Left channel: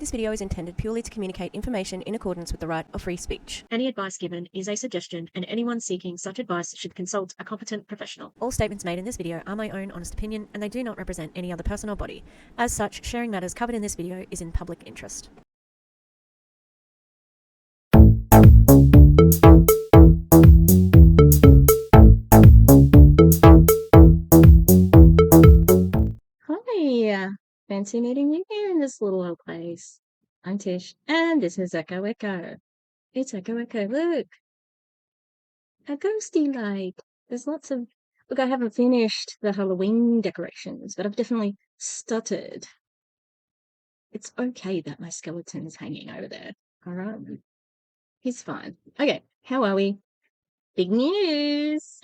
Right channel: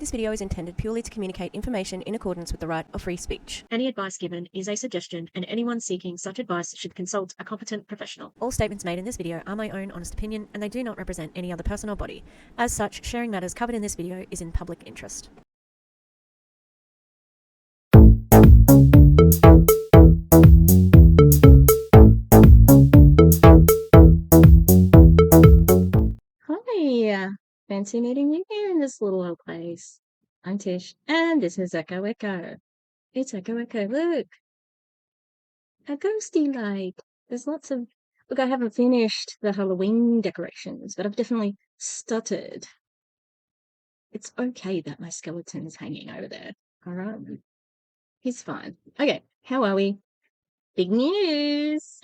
This video is intended purely to communicate information in accordance with the right of free speech. Any advice given is a suggestion, and anyone seeking such advice should consult a competent professional. All statements made in this video are my own honest opinion, and they do not represent any other person or body. As such, sharing matters covered in this video is in public interest. Hi, fancy meeting you here in this little old place. I'm Tish, and this is Echo Echo. It's Echo Echo, look! A ghosty light. There's lots of... Look, I haven't finished the Halloween decorations, but I've definitely stuttered. It's okay that my skeleton's hanging over there, alright? He's fine. Okay, how are we? Big news!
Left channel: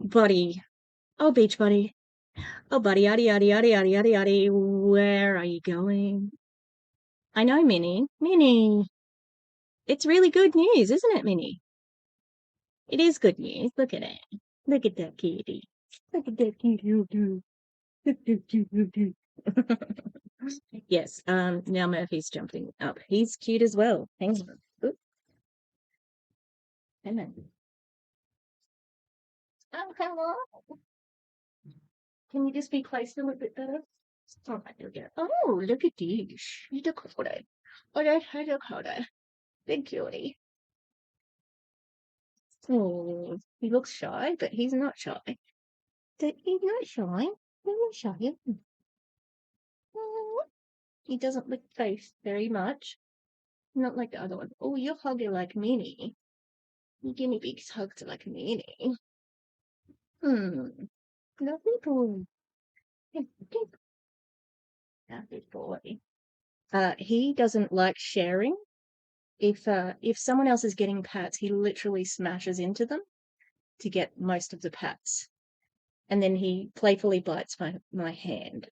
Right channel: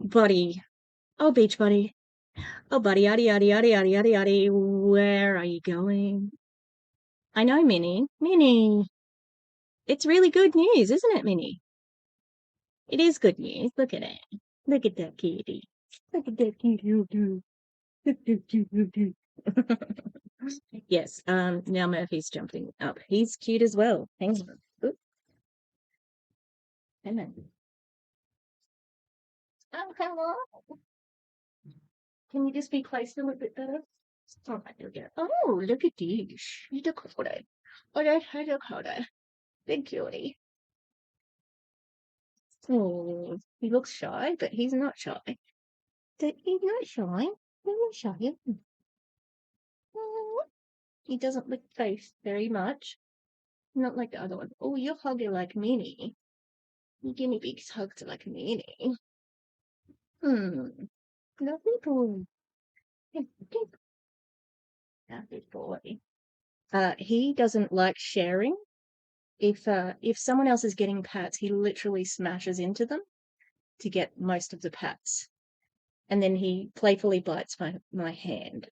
Buddy. Oh, beach buddy. Oh, buddy, yaddy, yaddy, yaddy, yaddy, yaddy, yaddy. Where are you going? I know, Minnie. Minnie! It's really good news, isn't it, Minnie? It is good news. Look at it. Look at that kitty. Look at that kitty. Yes, now Murphy's jumping up. He's cute as well. Hang on. Oop. Hang on. Oh, hello. Can you just be placed a little bit better? All right, there we go. Oh, look at this. You look at it. Oh, look at it. Big cutie. Oh, he looks shy, but he's not shy. He's not shy. He's not shy. Oh, he doesn't lick face very much. Not like the other one. Oh, you're hugging like Minnie. You guinea pigs hugged like Minnie. Lovely boy. Lovely boy. He doesn't like sharing. If someone else is getting pats, he literally smashes into them to get most of the pats. And then he playfully bites my hand.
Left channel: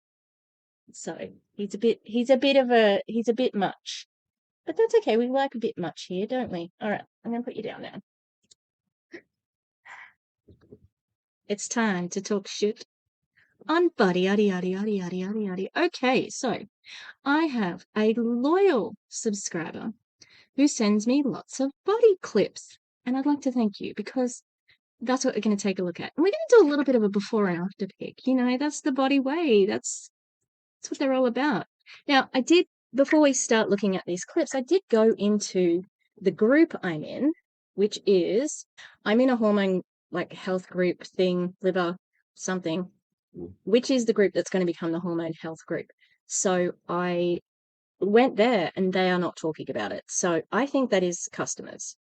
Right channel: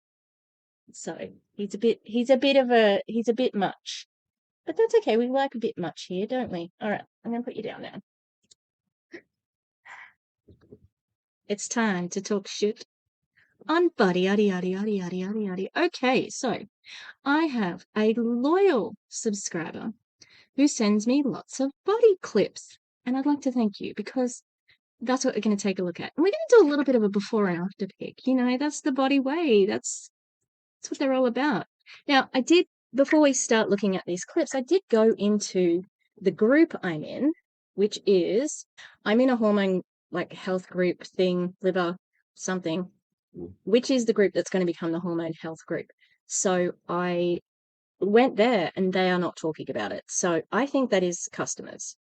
So he's a bit much. But that's okay, we like a bit much here, don't we? Alright, I'm gonna put you down now. It's time to talk shit on buddy yaddy yaddy yaddy yaddy yaddy yaddy. Okay, so I have a loyal subscriber who sends me lots of body clips. And I'd like to thank you because that's what we're going to take a look at. And we're going to do a little bit of a before and after pic. You know, that's the body way. That's what they're all about. Now, before we start looking at these clips, I did go into the group I'm in, which is, I'm in a hormone health group thing, liver something, which is the group that's going to become the hormone health group. So I went there and they are not talking about it. So I think that is customers.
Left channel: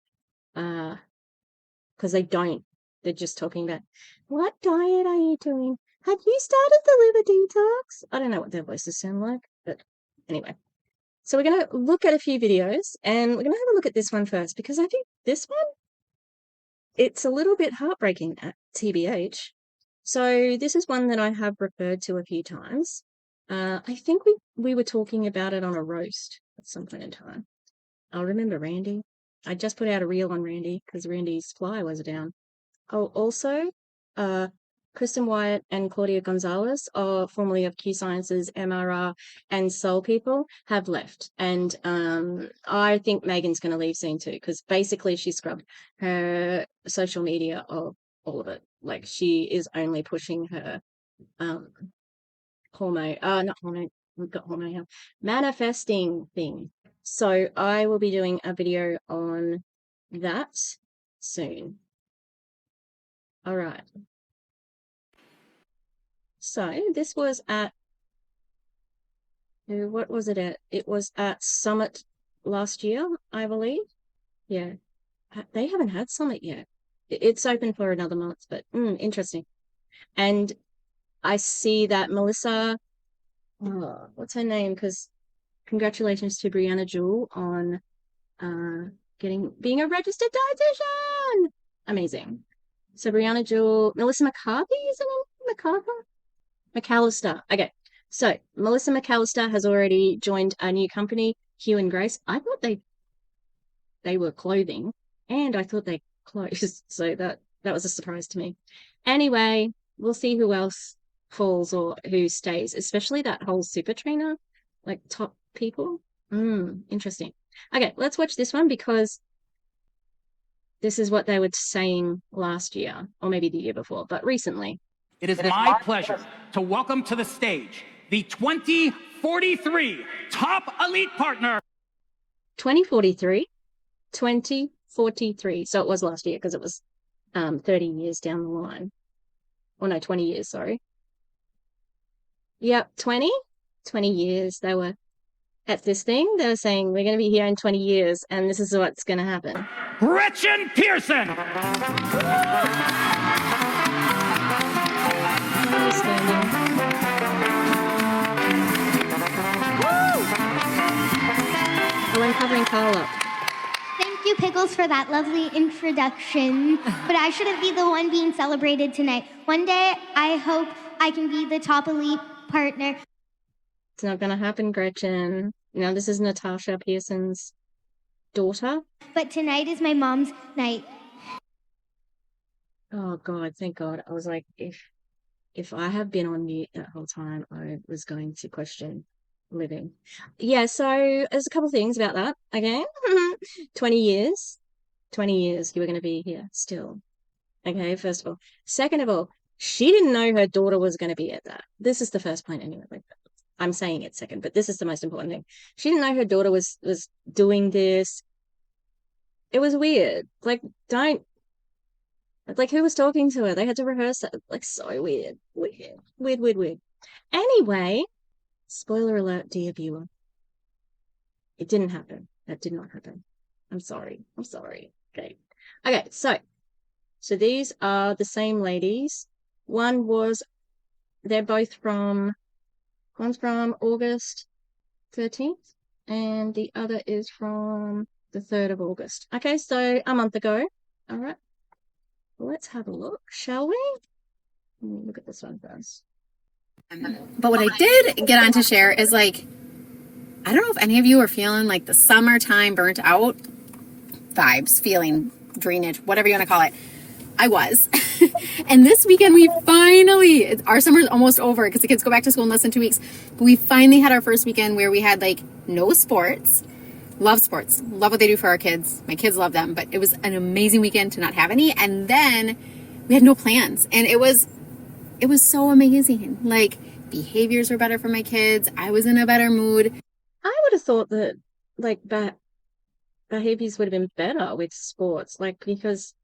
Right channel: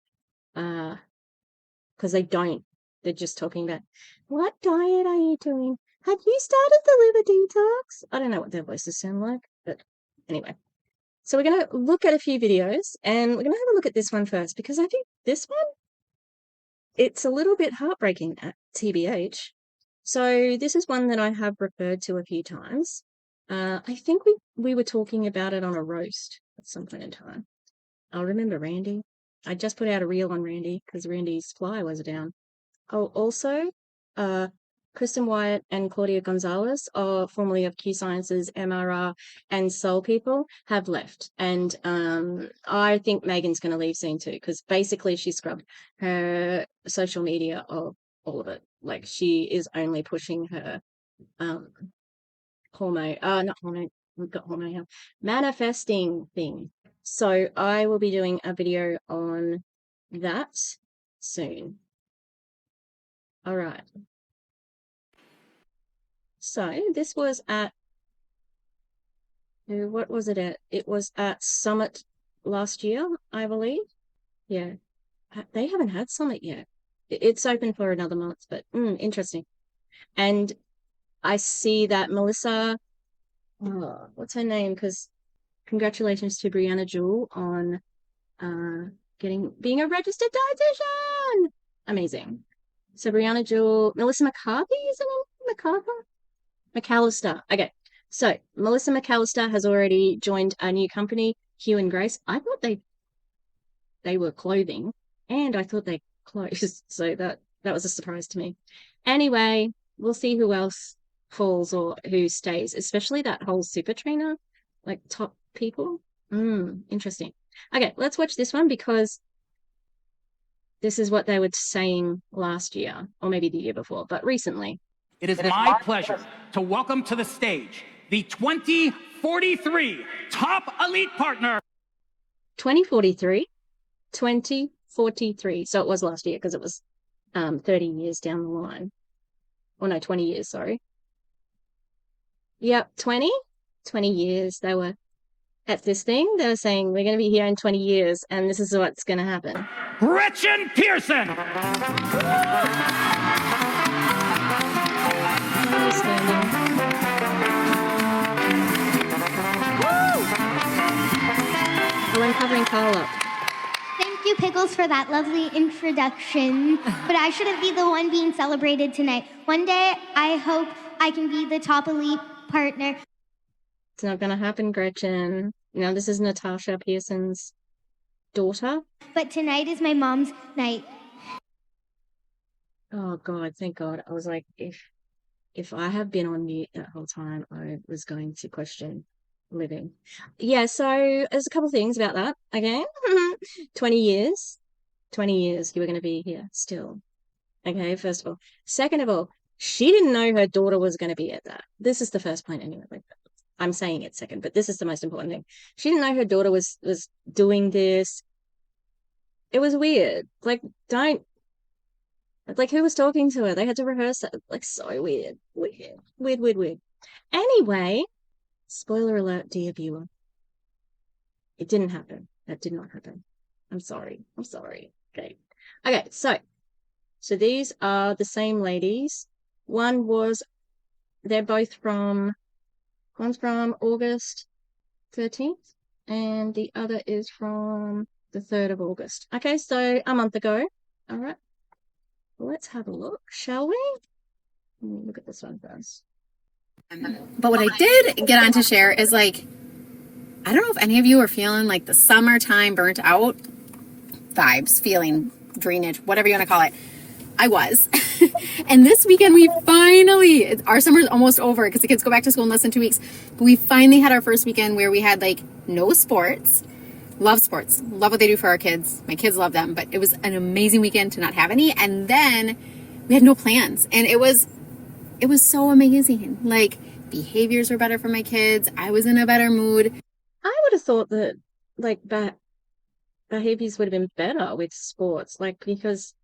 Because they're just talking about, what diet are you doing? Have you started the liver detox? I don't know what their voices sound like, but anyway. So we're going to look at a few videos and we're going to have a look at this one first because I think this one, it's a little bit heartbreaking at TBH. So this is one that I have referred to a few times. I think we were talking about it on a roast at some point in time. I remember Randy. I just put out a reel on Randy because Randy's fly was down. Oh, also, Kristen Wyatt and Claudia Gonzalez, formerly of Q Sciences, MRR, and Soul People, have left. And I think Megan's going to leave soon too, because basically she scrubbed her social media of all of it. Like, she is only pushing her manifesting thing. So I will be doing a video on that soon. All right. So this was at, what was it at? It was at Summit last year, I believe. Yeah. They haven't had Summit yet. It's open for another month, but interesting. And I see that Melissa, what's her name? Because congratulations to Brianna Jewell on being a registered dietitian. Amazing. So Brianna Jewell, Melissa McCarthy, is it McAllister. Okay. So Melissa McAllister has already joined a new company, Hugh and Grace. I thought they were clothing, and I thought they clothes. So that was a surprise to me. Anyway, we'll see who else pulls or who stays, especially that whole super trainer, like top people. Interesting. Okay, let's watch this one because this is what they were saying last year, or maybe the year before, but recently. It is my pleasure to welcome to the stage the 2043 Top Elite Partner. 2043? 2043. So it was last year because it was 30 years down the line. Oh no, 20 years, sorry. Yep, 20? 20 years. They were at this thing. They were saying, we're going to be here in 20 years, and this is what's going to happen. Gretchen Pearson. Oh, I'm covering Carla. Thank you, Pickles, for that lovely introduction. But I shouldn't be the one being celebrated tonight. One day, I hope I can be the top elite partner. It's not going to happen, Gretchen. You know, this is Natasha Pearson's daughter. But tonight is my mom's night. Oh, God, thank God. I was like, if I had been on mute the whole time, I was going to question living. Yeah, so it was a couple of things about that. And now, 20 years. 20 years we're going to be here still. And really, first of all. Second of all, you didn't know her daughter was going to be at that. This is the first point anyway. I'm saying it second, but this is the most important thing. You didn't know her daughter was doing this. It was weird. Like, don't. Like, who was talking to her? They had to rehearse it. Like, so weird. Weird. Anyway. Spoiler alert, dear viewer. It didn't happen. That did not happen. I'm sorry. Okay. Okay, so these are the same ladies. They're both one's from August 13th, and the other is from the 3rd of August. Okay, so a month ago. All right. Let's have a look, shall we? Let me look at this one first. But what I did get on to share is like, I don't know if any of you are feeling like the summertime burnt out vibes, feeling drainage, whatever you want to call it. I was. And this weekend our summer's almost over because the kids go back to school in less than 2 weeks. But we finally had our first weekend where we had like no sports. Love sports. Love what they do for our kids. My kids love them. But it was an amazing weekend to not have any. And then we had no plans. And it was so amazing. Like, behaviors were better for my kids. I was in a better mood. I would have thought that, like, that behaviors would have been better with sports, like, because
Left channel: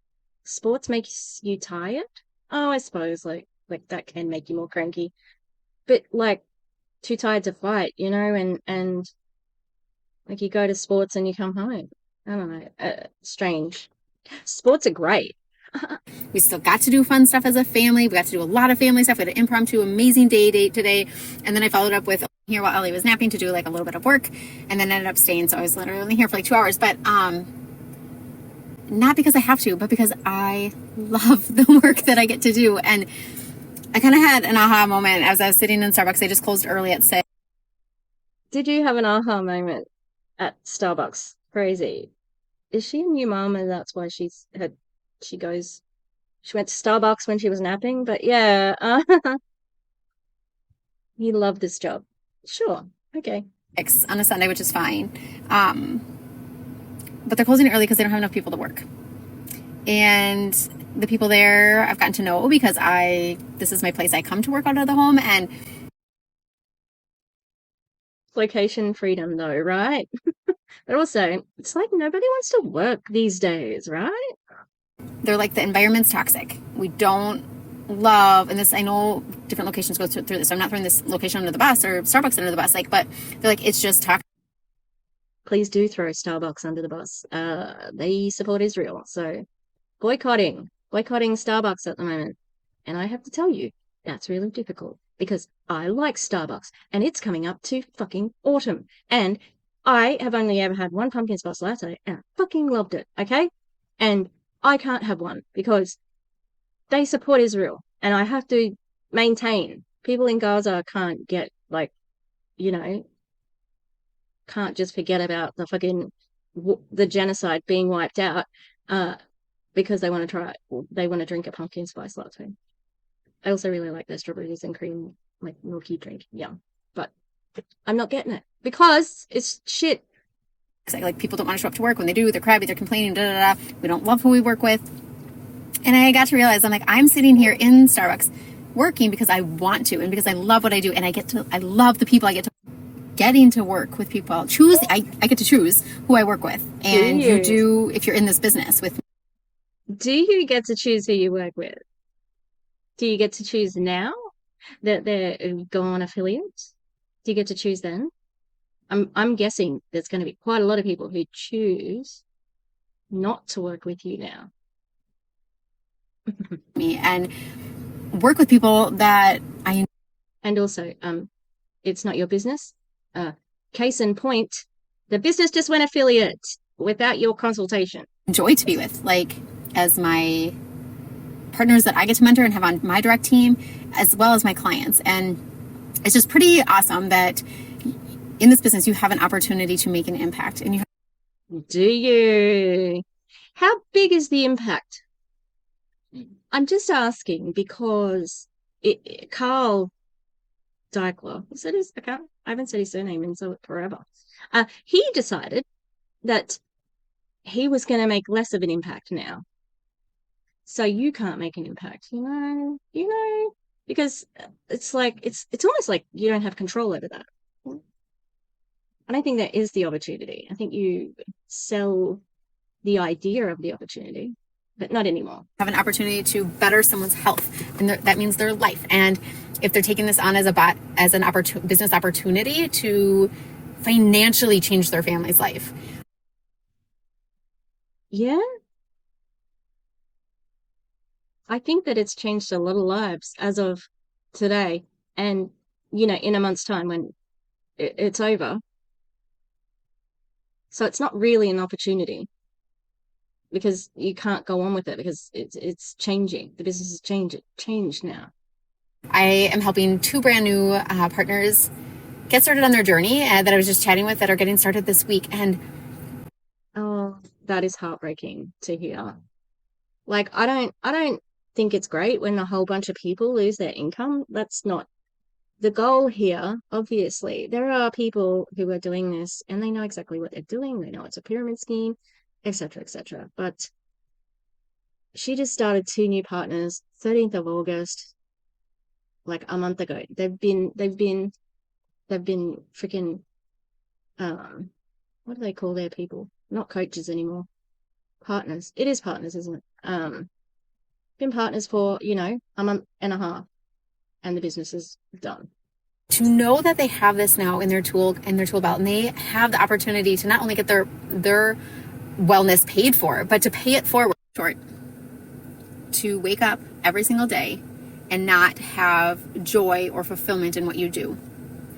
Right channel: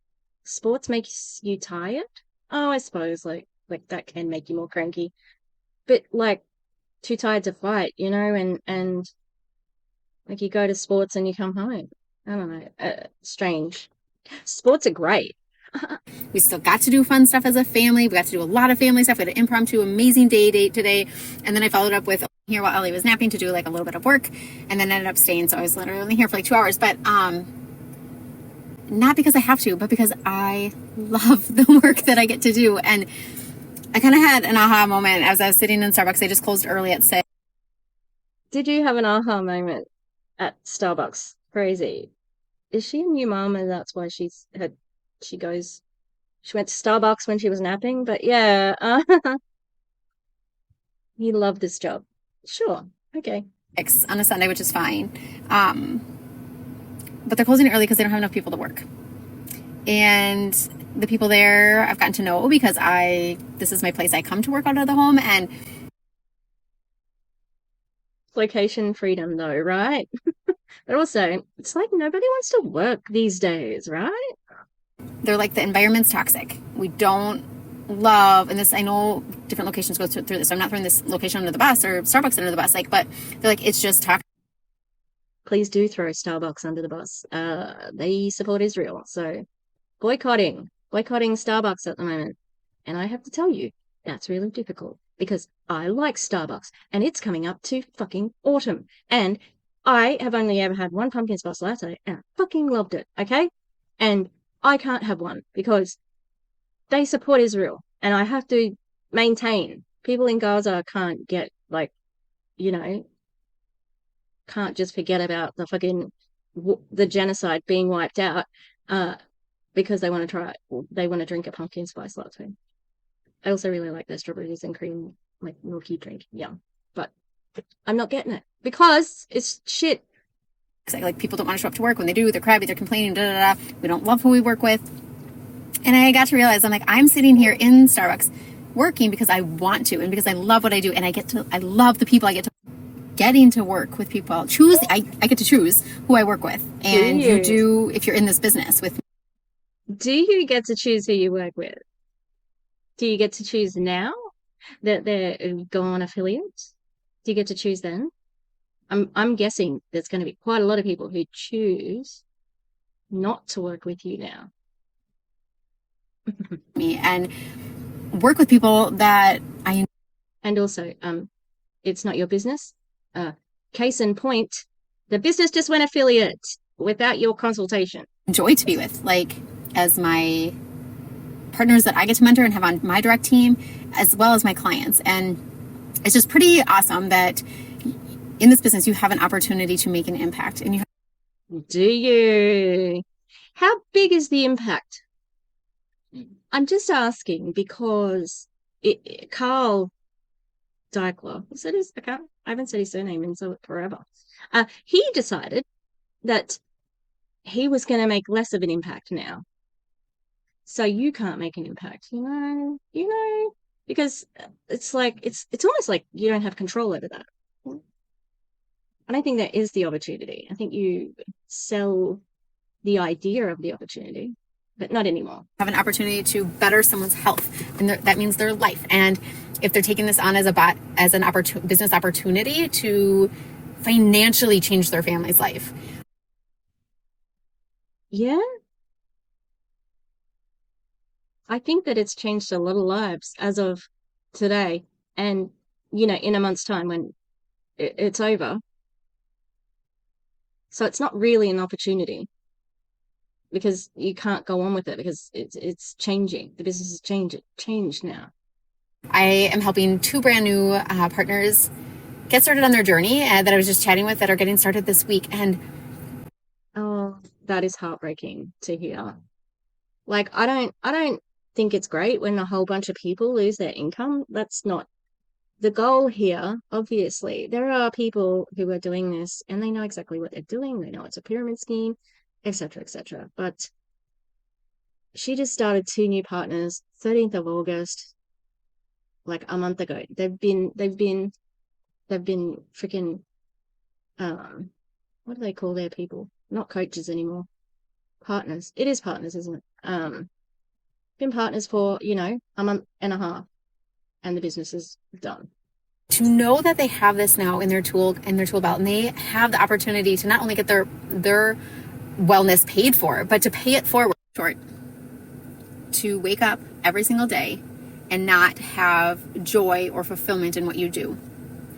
sports makes you tired. Oh, I suppose, like that can make you more cranky. But, like, too tired to fight, you know, and like, you go to sports and you come home. I don't know. Strange. Sports are great. We still got to do fun stuff as a family. We got to do a lot of family stuff. We had an impromptu, amazing date today. And then I followed up with here while Ellie was napping to do like a little bit of work, and then ended up staying. So I was literally only here for like 2 hours, but not because I have to, but because I love the work that I get to do. And I kind of had an aha moment as I was sitting in Starbucks. They just closed early at 6. Did you have an aha moment at Starbucks? Crazy. Is she a new mom and that's why she went to Starbucks when she was napping? But yeah, you love this job. Sure. Okay. On a Sunday, which is fine. But they're closing early because they don't have enough people to work. And the people there I've gotten to know because this is my place. I come to work out of the home, and location freedom though, right? But also, it's like nobody wants to work these days, right? They're like, the environment's toxic. We don't love, and this, I know different locations go through this, so I'm not throwing this location under the bus or Starbucks under the bus, like, but they're like, it's just toxic. Please do throw Starbucks under the bus. They support Israel, so boycotting Starbucks at the moment. And I have to tell you, that's really difficult because I like Starbucks and it's coming up to fucking autumn. And I have only ever had one pumpkin spice latte and I fucking loved it, okay? And I can't have one because they support Israel and I have to maintain. People in Gaza can't get, like, you know, can't just forget about the fucking the genocide being wiped out because they want to try it or they want to drink a pumpkin spice latte. I also really like their strawberries and cream, like milky drink. Yeah, but I'm not getting it because it's shit. Like, people don't want to show up to work. When they do, they're crabby, they're complaining, we don't love who we work with. And I got to realize, I'm like, I'm sitting here in Starbucks working because I want to and because I love what I do, and I love the people I get to getting to work with people. I get to choose who I work with. And you do, if you're in this business with. Do you get to choose who you work with? Do you get to choose now that they're gone affiliates? Do you get to choose then? I'm guessing there's going to be quite a lot of people who choose not to work with you now. And work with people that I. And also, it's not your business. Case in point, the business just went affiliate without your consultation. Enjoy to be with, like, as my partners that I get to mentor and have on my direct team, as well as my clients. And it's just pretty awesome that in this business you have an opportunity to make an impact. And you do you? How big is the impact? I'm just asking because Carl Deichler, is that his account? I haven't said his surname in forever. He decided that he was going to make less of an impact now. So you can't make an impact, you know, because it's like, it's almost like you don't have control over that. I don't think that is the opportunity. I think you sell the idea of the opportunity, but not anymore. Have an opportunity to better someone's health, and that means their life. And if they're taking this on as an business opportunity to financially change their family's life. Yeah. I think that it's changed a lot of lives as of today. And, you know, in a month's time when it's over. So it's not really an opportunity because you can't go on with it because it's changing. The business has changed now. I am helping 2 brand new partners get started on their journey that I was just chatting with that are getting started this week. And oh, that is heartbreaking to hear. Like, I don't think it's great when a whole bunch of people lose their income. That's not the goal here. Obviously, there are people who are doing this and they know exactly what they're doing. They know it's a pyramid scheme, etc., etc. But she just started 2 new partners, 13th of August, like a month ago. They've been freaking, what do they call their people? Not coaches anymore. Partners. It is partners, isn't it? Been partners for, you know, a month and a half, and the business is done. To know that they have this now in their tool belt, and they have the opportunity to not only get their wellness paid for, but to pay it forward. To wake up every single day and not have joy or fulfillment in what you do.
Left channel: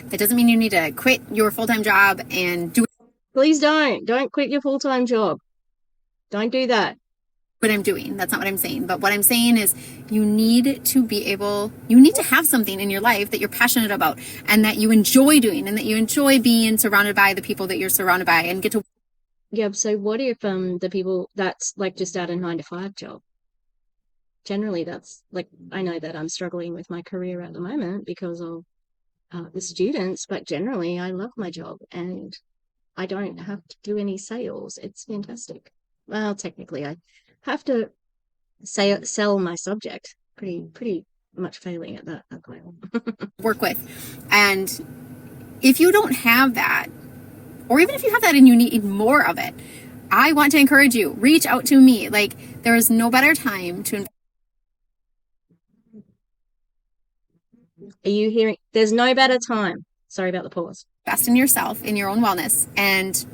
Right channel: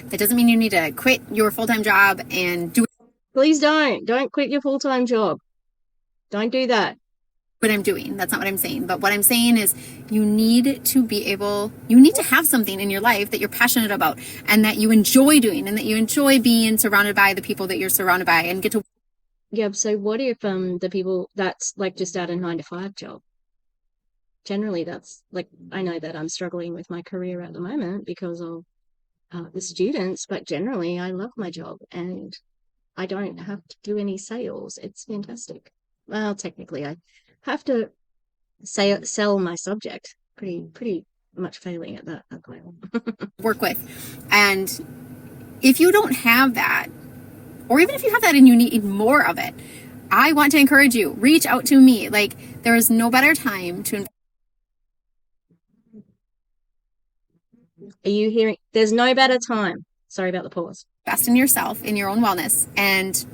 That doesn't mean you need to quit your full-time job and do. Please don't quit your full-time job. Don't do that. What I'm doing. That's not what I'm saying. But what I'm saying is you need to have something in your life that you're passionate about and that you enjoy doing and that you enjoy being surrounded by the people that you're surrounded by and get to. Yeah, so what if the people that's like just at a 9-to-5 job? Generally, that's like, I know that I'm struggling with my career at the moment because of the students, but generally I love my job and I don't have to do any sales. It's fantastic. Well, technically I have to sell my subject. Pretty much failing at that. Work with. And if you don't have that, or even if you have that and you need more of it, I want to encourage you, reach out to me. Like, there is no better time to. Are you hearing? There's no better time. Sorry about the pause. Invest in yourself, in your own wellness, and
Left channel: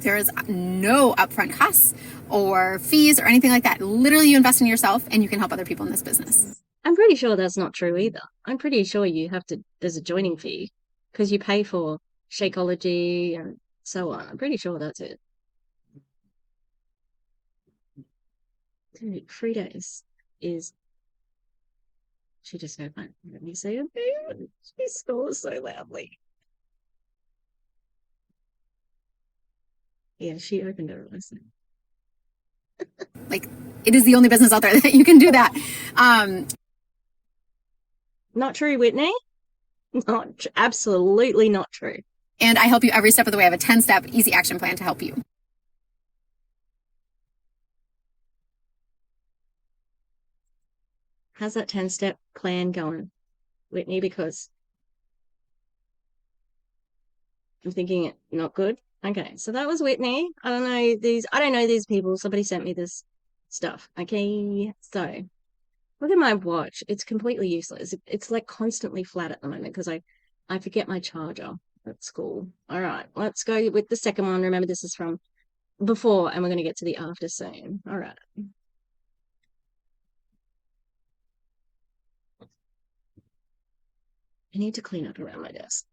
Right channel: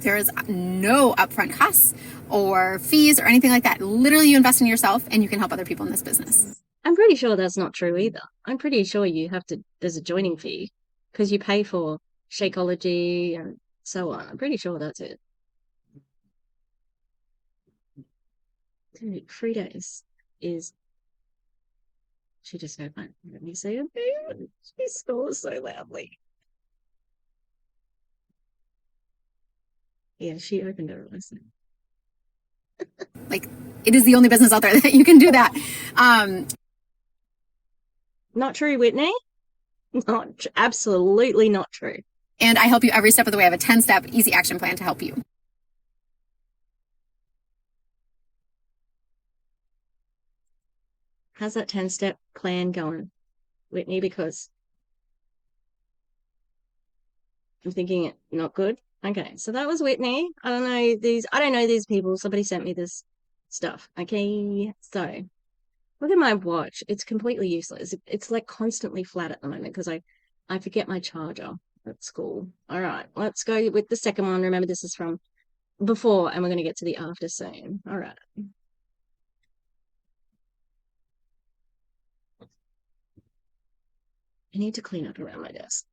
there is no upfront costs or fees or anything like that. Literally, you invest in yourself and you can help other people in this business. I'm pretty sure that's not true either. I'm pretty sure there's a joining fee because you pay for Shakeology and so on. I'm pretty sure that's it. Dude, Frida is she just heard my, let me say it. She snores so loudly. Yeah, she opened her eyes. Like, it is the only business out there that you can do that. Not true, Whitney. Absolutely not true. And I help you every step of the way. I have a 10-step easy action plan to help you. How's that 10-step plan going, Whitney? Because I'm thinking it not good. Okay, so that was Whitney. I don't know these people. Somebody sent me this stuff. Okay, so look at my watch. It's completely useless. It's like constantly flat at the moment because I forget my charger at school. All right, let's go with the second one. Remember, this is from before, and we're going to get to the after soon. All right. I need to clean up around my desk.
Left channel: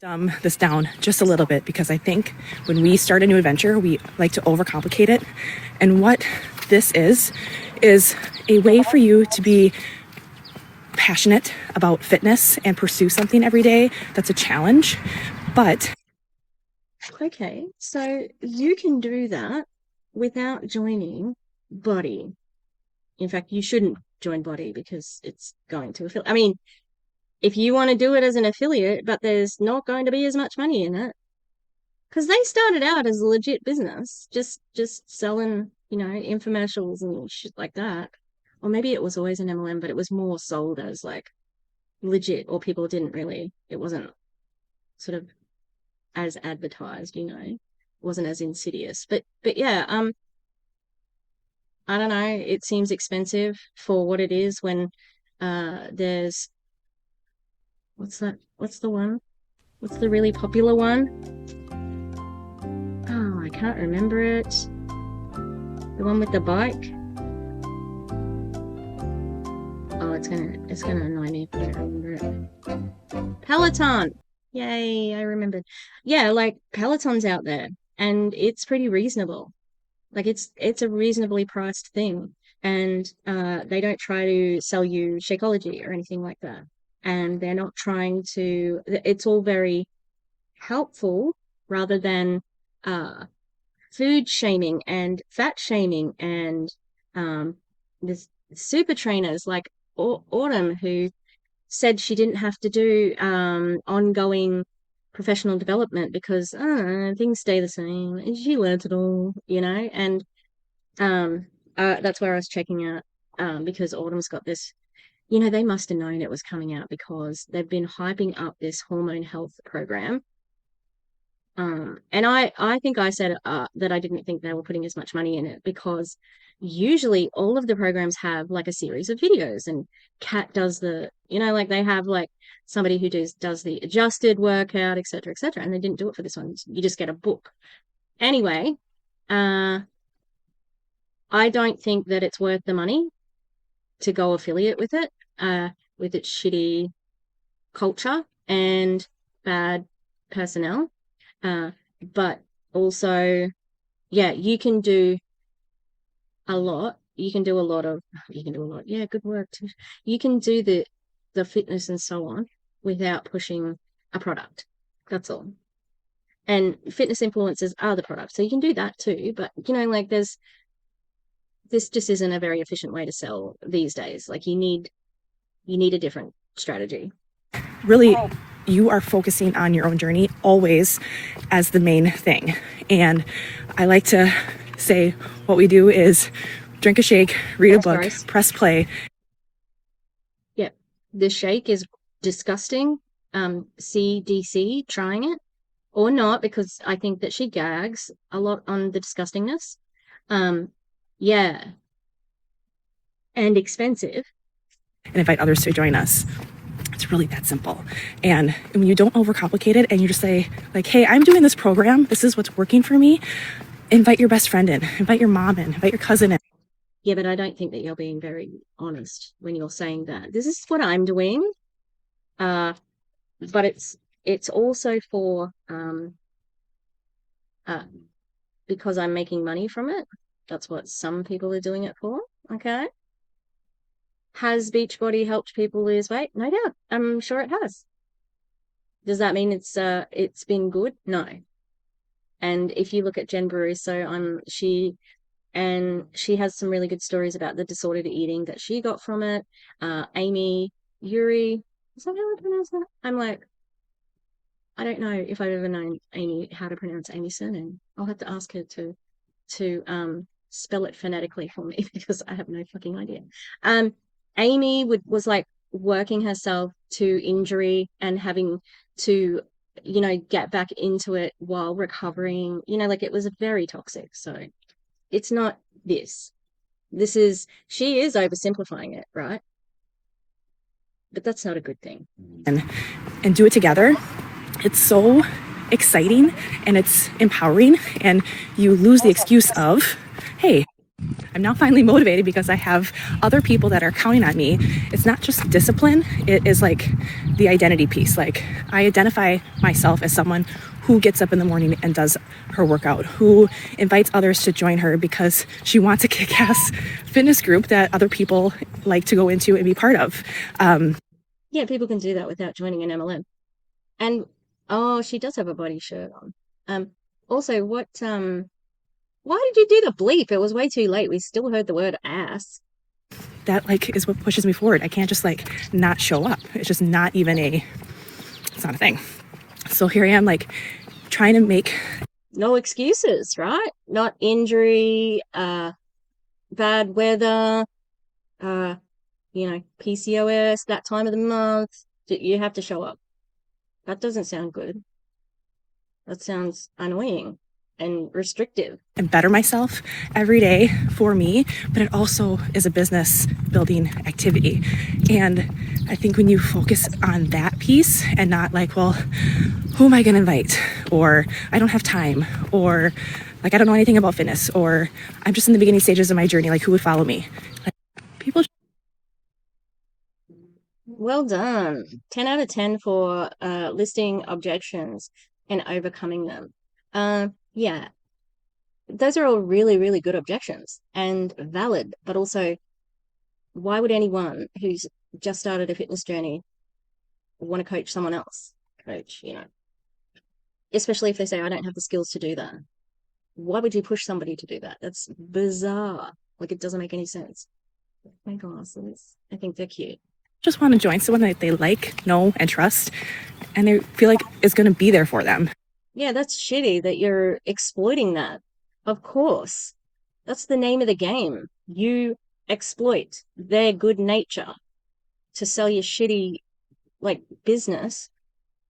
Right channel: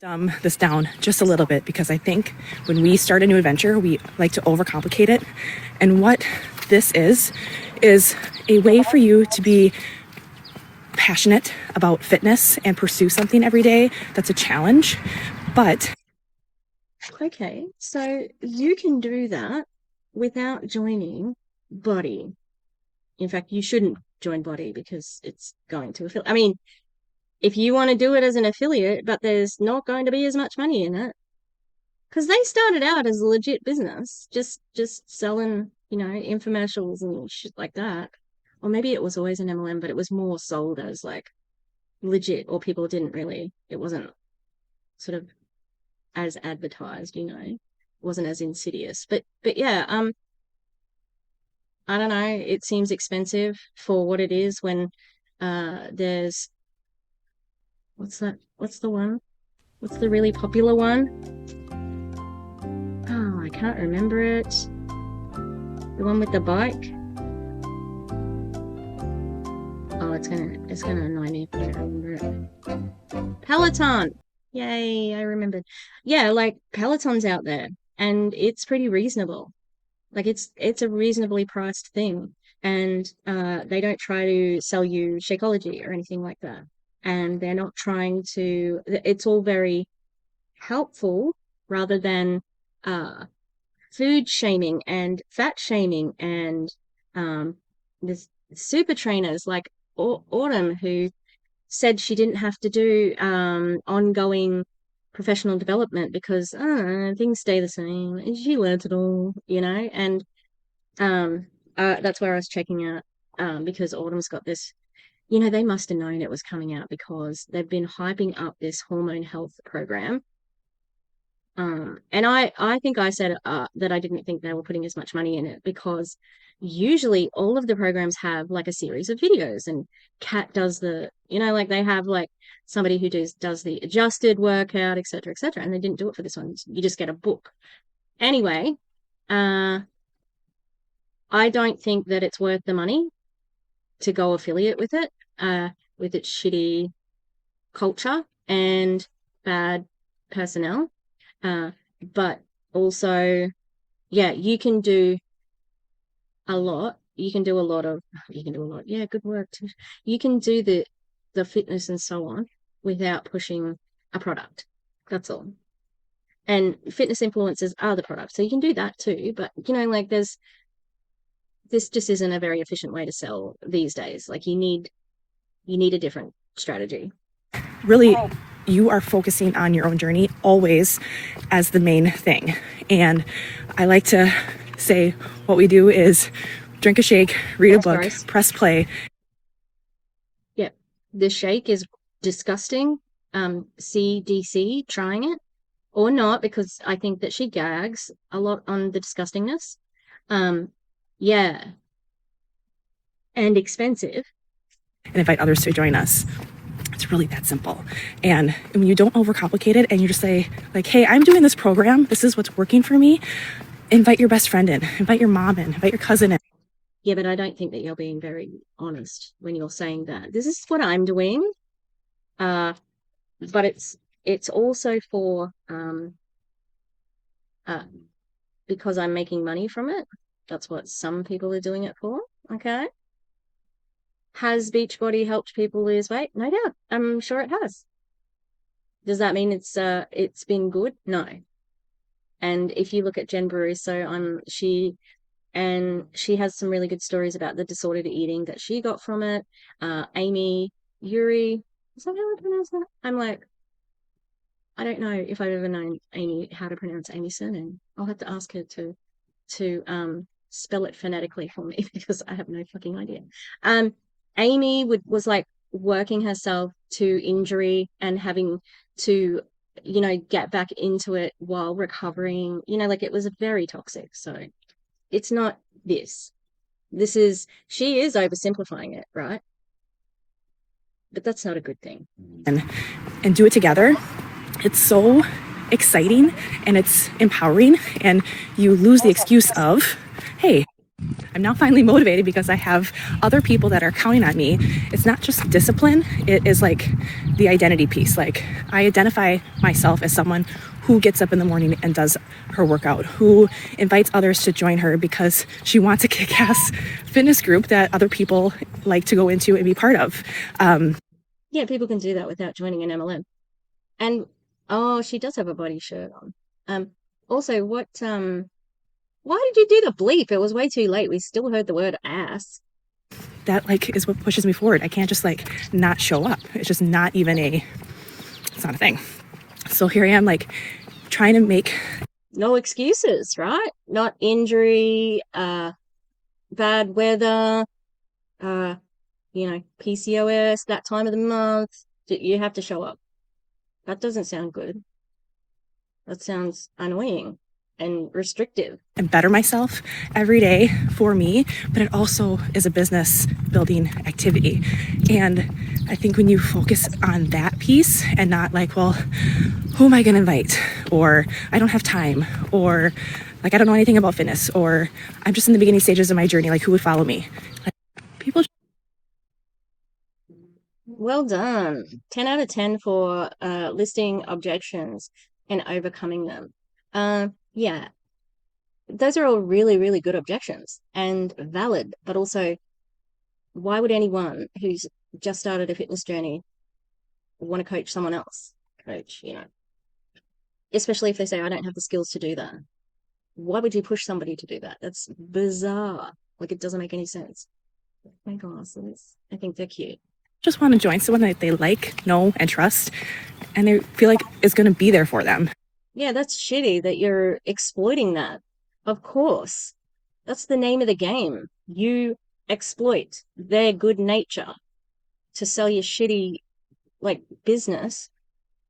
Dumb this down just a little bit, because I think when we start a new adventure, we like to overcomplicate it. And what this is a way for you to be passionate about fitness and pursue something every day that's a challenge. But Okay, so you can do that without joining BODI. In fact, you shouldn't join BODI because it's going to affiliate. I mean, if you want to do it as an affiliate, but there's not going to be as much money in it, because they started out as a legit business, just selling, infomercials and shit like that. Or maybe it was always an MLM, but it was more sold as like legit, or people didn't really, it wasn't sort of as advertised, it wasn't as insidious. But yeah, I don't know, it seems expensive for what it is when there's what's that? What's the one? What's the really popular one? Oh, I can't remember it. The one with the bike. Oh, it's gonna annoy me if I don't remember it. Peloton. Yay, I remembered. Yeah, like Peloton's out there, and it's pretty reasonable. Like it's a reasonably priced thing, and they don't try to sell you Shakeology or anything like that. And they're not trying to. It's all very helpful rather than uh food shaming and fat shaming and this super trainers like Autumn, who said she didn't have to do ongoing professional development because things stay the same. And she learnt it all, and um that's where I was checking out because Autumn's got this, they must have known it was coming out because they've been hyping up this hormone health program. And I think I said that I didn't think they were putting as much money in it because usually all of the programs have like a series of videos, and Kat does like they have like somebody who does the adjusted workout, etc., etc. And they didn't do it for this one. You just get a book. Anyway, uh, I don't think that it's worth the money to go affiliate with its shitty culture and bad personnel. But also, yeah, you can do a lot. You can do a lot. Yeah, good work. You can do the fitness and so on without pushing a product. That's all. And fitness influencers are the product, so you can do that too. But like this just isn't a very efficient way to sell these days. Like you need a different strategy. really, you are focusing on your own journey always as the main thing. And I like to say what we do is drink a shake, read a book, press play. Yep. The shake is disgusting. CDC trying it or not, because I think that she gags a lot on the disgustingness. Yeah. And expensive. And invite others to join us. It's really that simple. And when you don't overcomplicate it and you just say, like, hey, I'm doing this program, this is what's working for me, invite your best friend in, invite your mom in, invite your cousin in. Yeah, but I don't think that you're being very honest when you're saying that. This is what I'm doing. But it's also for because I'm making money from it. That's what some people are doing it for. Okay. Has Beachbody helped people lose weight? No doubt. I'm sure it has. Does that mean it's been good? No. And if you look at Jen Baruso, she has some really good stories about the disordered eating that she got from it. Amy Yuri, is that how I pronounce that? I'm like, I don't know if I've ever known Amy how to pronounce Amy's surname. I'll have to ask her to spell it phonetically for me because I have no fucking idea. Amy was like working herself to injury and having to, you know, get back into it while recovering. You know, like it was very toxic. So it's not this. She is oversimplifying it, right? But that's not a good thing. And do it together. It's so exciting and it's empowering, and you lose the excuse of, hey, I'm now finally motivated because I have other people that are counting on me. It's not just discipline, it is like the identity piece. Like I identify myself as someone who gets up in the morning and does her workout, who invites others to join her because she wants a kick-ass fitness group that other people like to go into and be part of. Yeah, people can do that without joining an MLM. And oh, she does have a body shirt on. Also, why did you do the bleep? It was way too late. We still heard the word ass. That like is what pushes me forward. I can't just like not show up. It's just not even it's not a thing. So here I am, like trying to make no excuses, right? Not injury, bad weather, you know, PCOS, that time of the month. You have to show up. That doesn't sound good. That sounds annoying and restrictive. and better myself every day for me, but it also is a business building activity. And I think when you focus on that piece and not like, well, who am I going to invite? Or I don't have time, or like I don't know anything about fitness, or I'm just in the beginning stages of my journey, like who would follow me? Like, people. Well done. 10 out of 10 for listing objections and overcoming them. Yeah, those are all really, really good objections and valid, but also, why would anyone who's just started a fitness journey want to coach someone else? Coach, you know, especially if they say, I don't have the skills to do that. Why would you push somebody to do that? That's bizarre. Like, it doesn't make any sense. My glasses. I think they're cute. Just want to join someone that they like, know, and trust, and they feel like it's going to be there for them. Yeah, that's shitty that you're exploiting that. Of course. That's the name of the game. You exploit their good nature to sell your shitty, like, business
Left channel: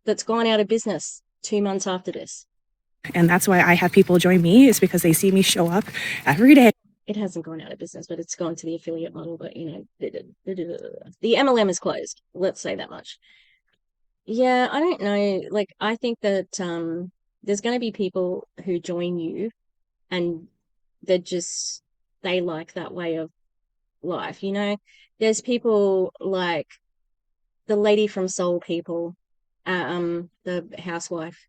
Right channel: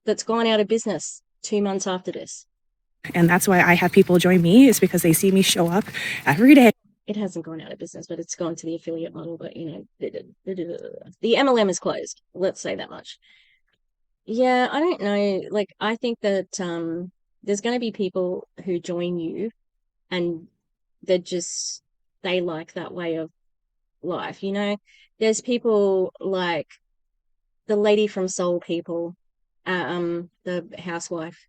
that's gone out of business 2 months after this. And that's why I have people join me, is because they see me show up every day. It hasn't gone out of business, but it's gone to the affiliate model, but, you know, the MLM is closed. Let's say that much. Yeah, I don't know. Like, I think that there's going to be people who join you and they like that way of life, you know? There's people like the lady from Soul People, the housewife.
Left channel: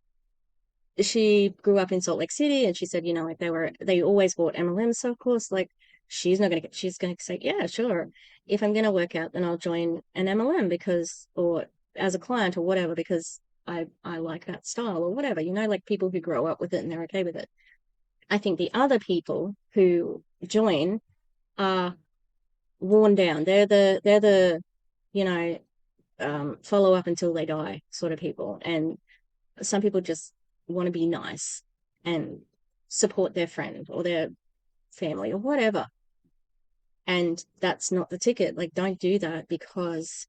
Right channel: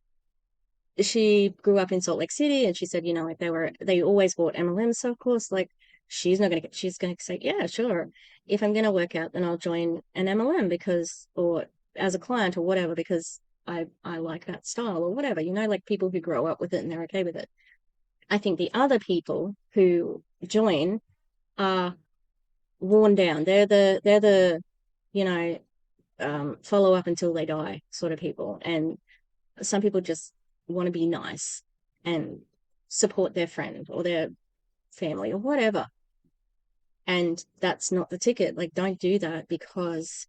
She grew up in Salt Lake City, and she said, you know, like they always bought MLMs, so of course, like she's going to say, yeah, sure. If I'm going to work out, then I'll join an MLM or as a client or whatever, because I like that style or whatever, you know, like people who grow up with it and they're okay with it. I think the other people who join are worn down. They're the you know, follow up until they die sort of people. And some people just want to be nice and support their friend or their family or whatever. And that's not the ticket. Like, don't do that, because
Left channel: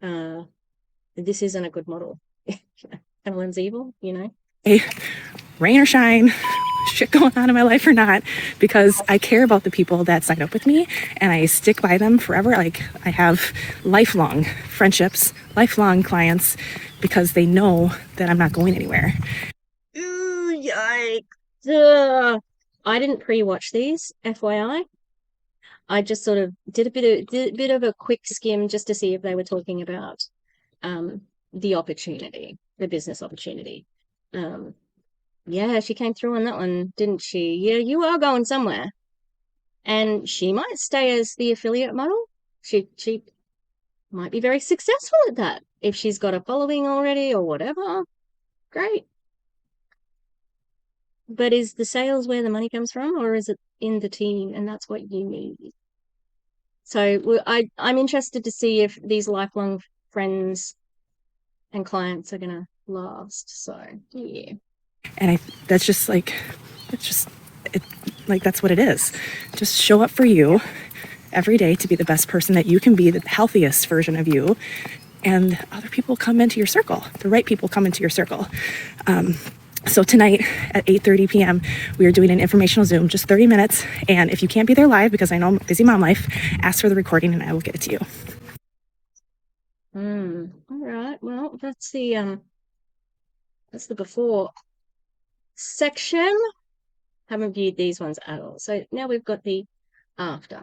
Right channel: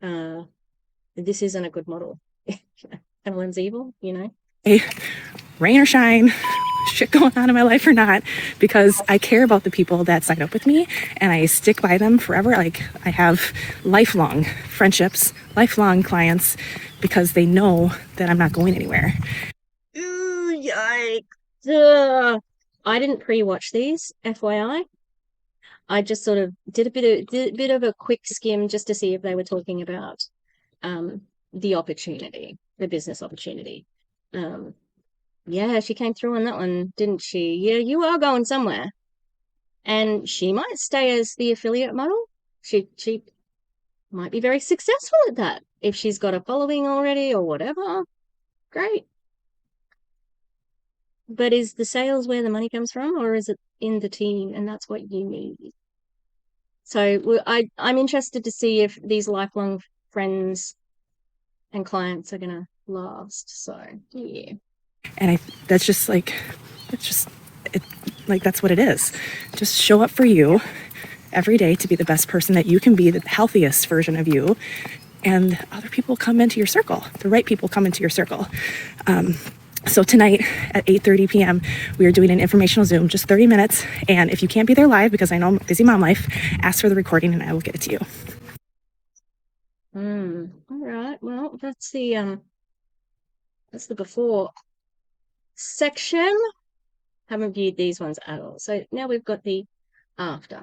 this isn't a good model. Everyone's evil, you know? Hey, rain or shine, shit going on in my life or not, because I care about the people that sign up with me and I stick by them forever. Like, I have lifelong friendships, lifelong clients, because they know that I'm not going anywhere. Ooh, yikes. Ugh. I didn't pre-watch these, FYI. I just sort of did a bit of a quick skim just to see if they were talking about the opportunity, the business opportunity. Yeah, she came through on that one, didn't she? Yeah, you are going somewhere. And she might stay as the affiliate model. She might be very successful at that if she's got a following already or whatever. Great. But is the sales where the money comes from, or is it in the team and that's what you need? So I'm interested to see if these lifelong friends and clients are gonna last. So yeah. And that's just like, that's what it is. Just show up for you every day to be the best person that you can be, the healthiest version of you. And other people come into your circle. The right people come into your circle. So tonight at 8:30 p.m., we are doing an informational Zoom, just 30 minutes. And if you can't be there live, because I know I'm busy mom life, ask for the recording and I will get it to you. All right. Well, that's the before section. Haven't viewed these ones at all. So now we've got the after.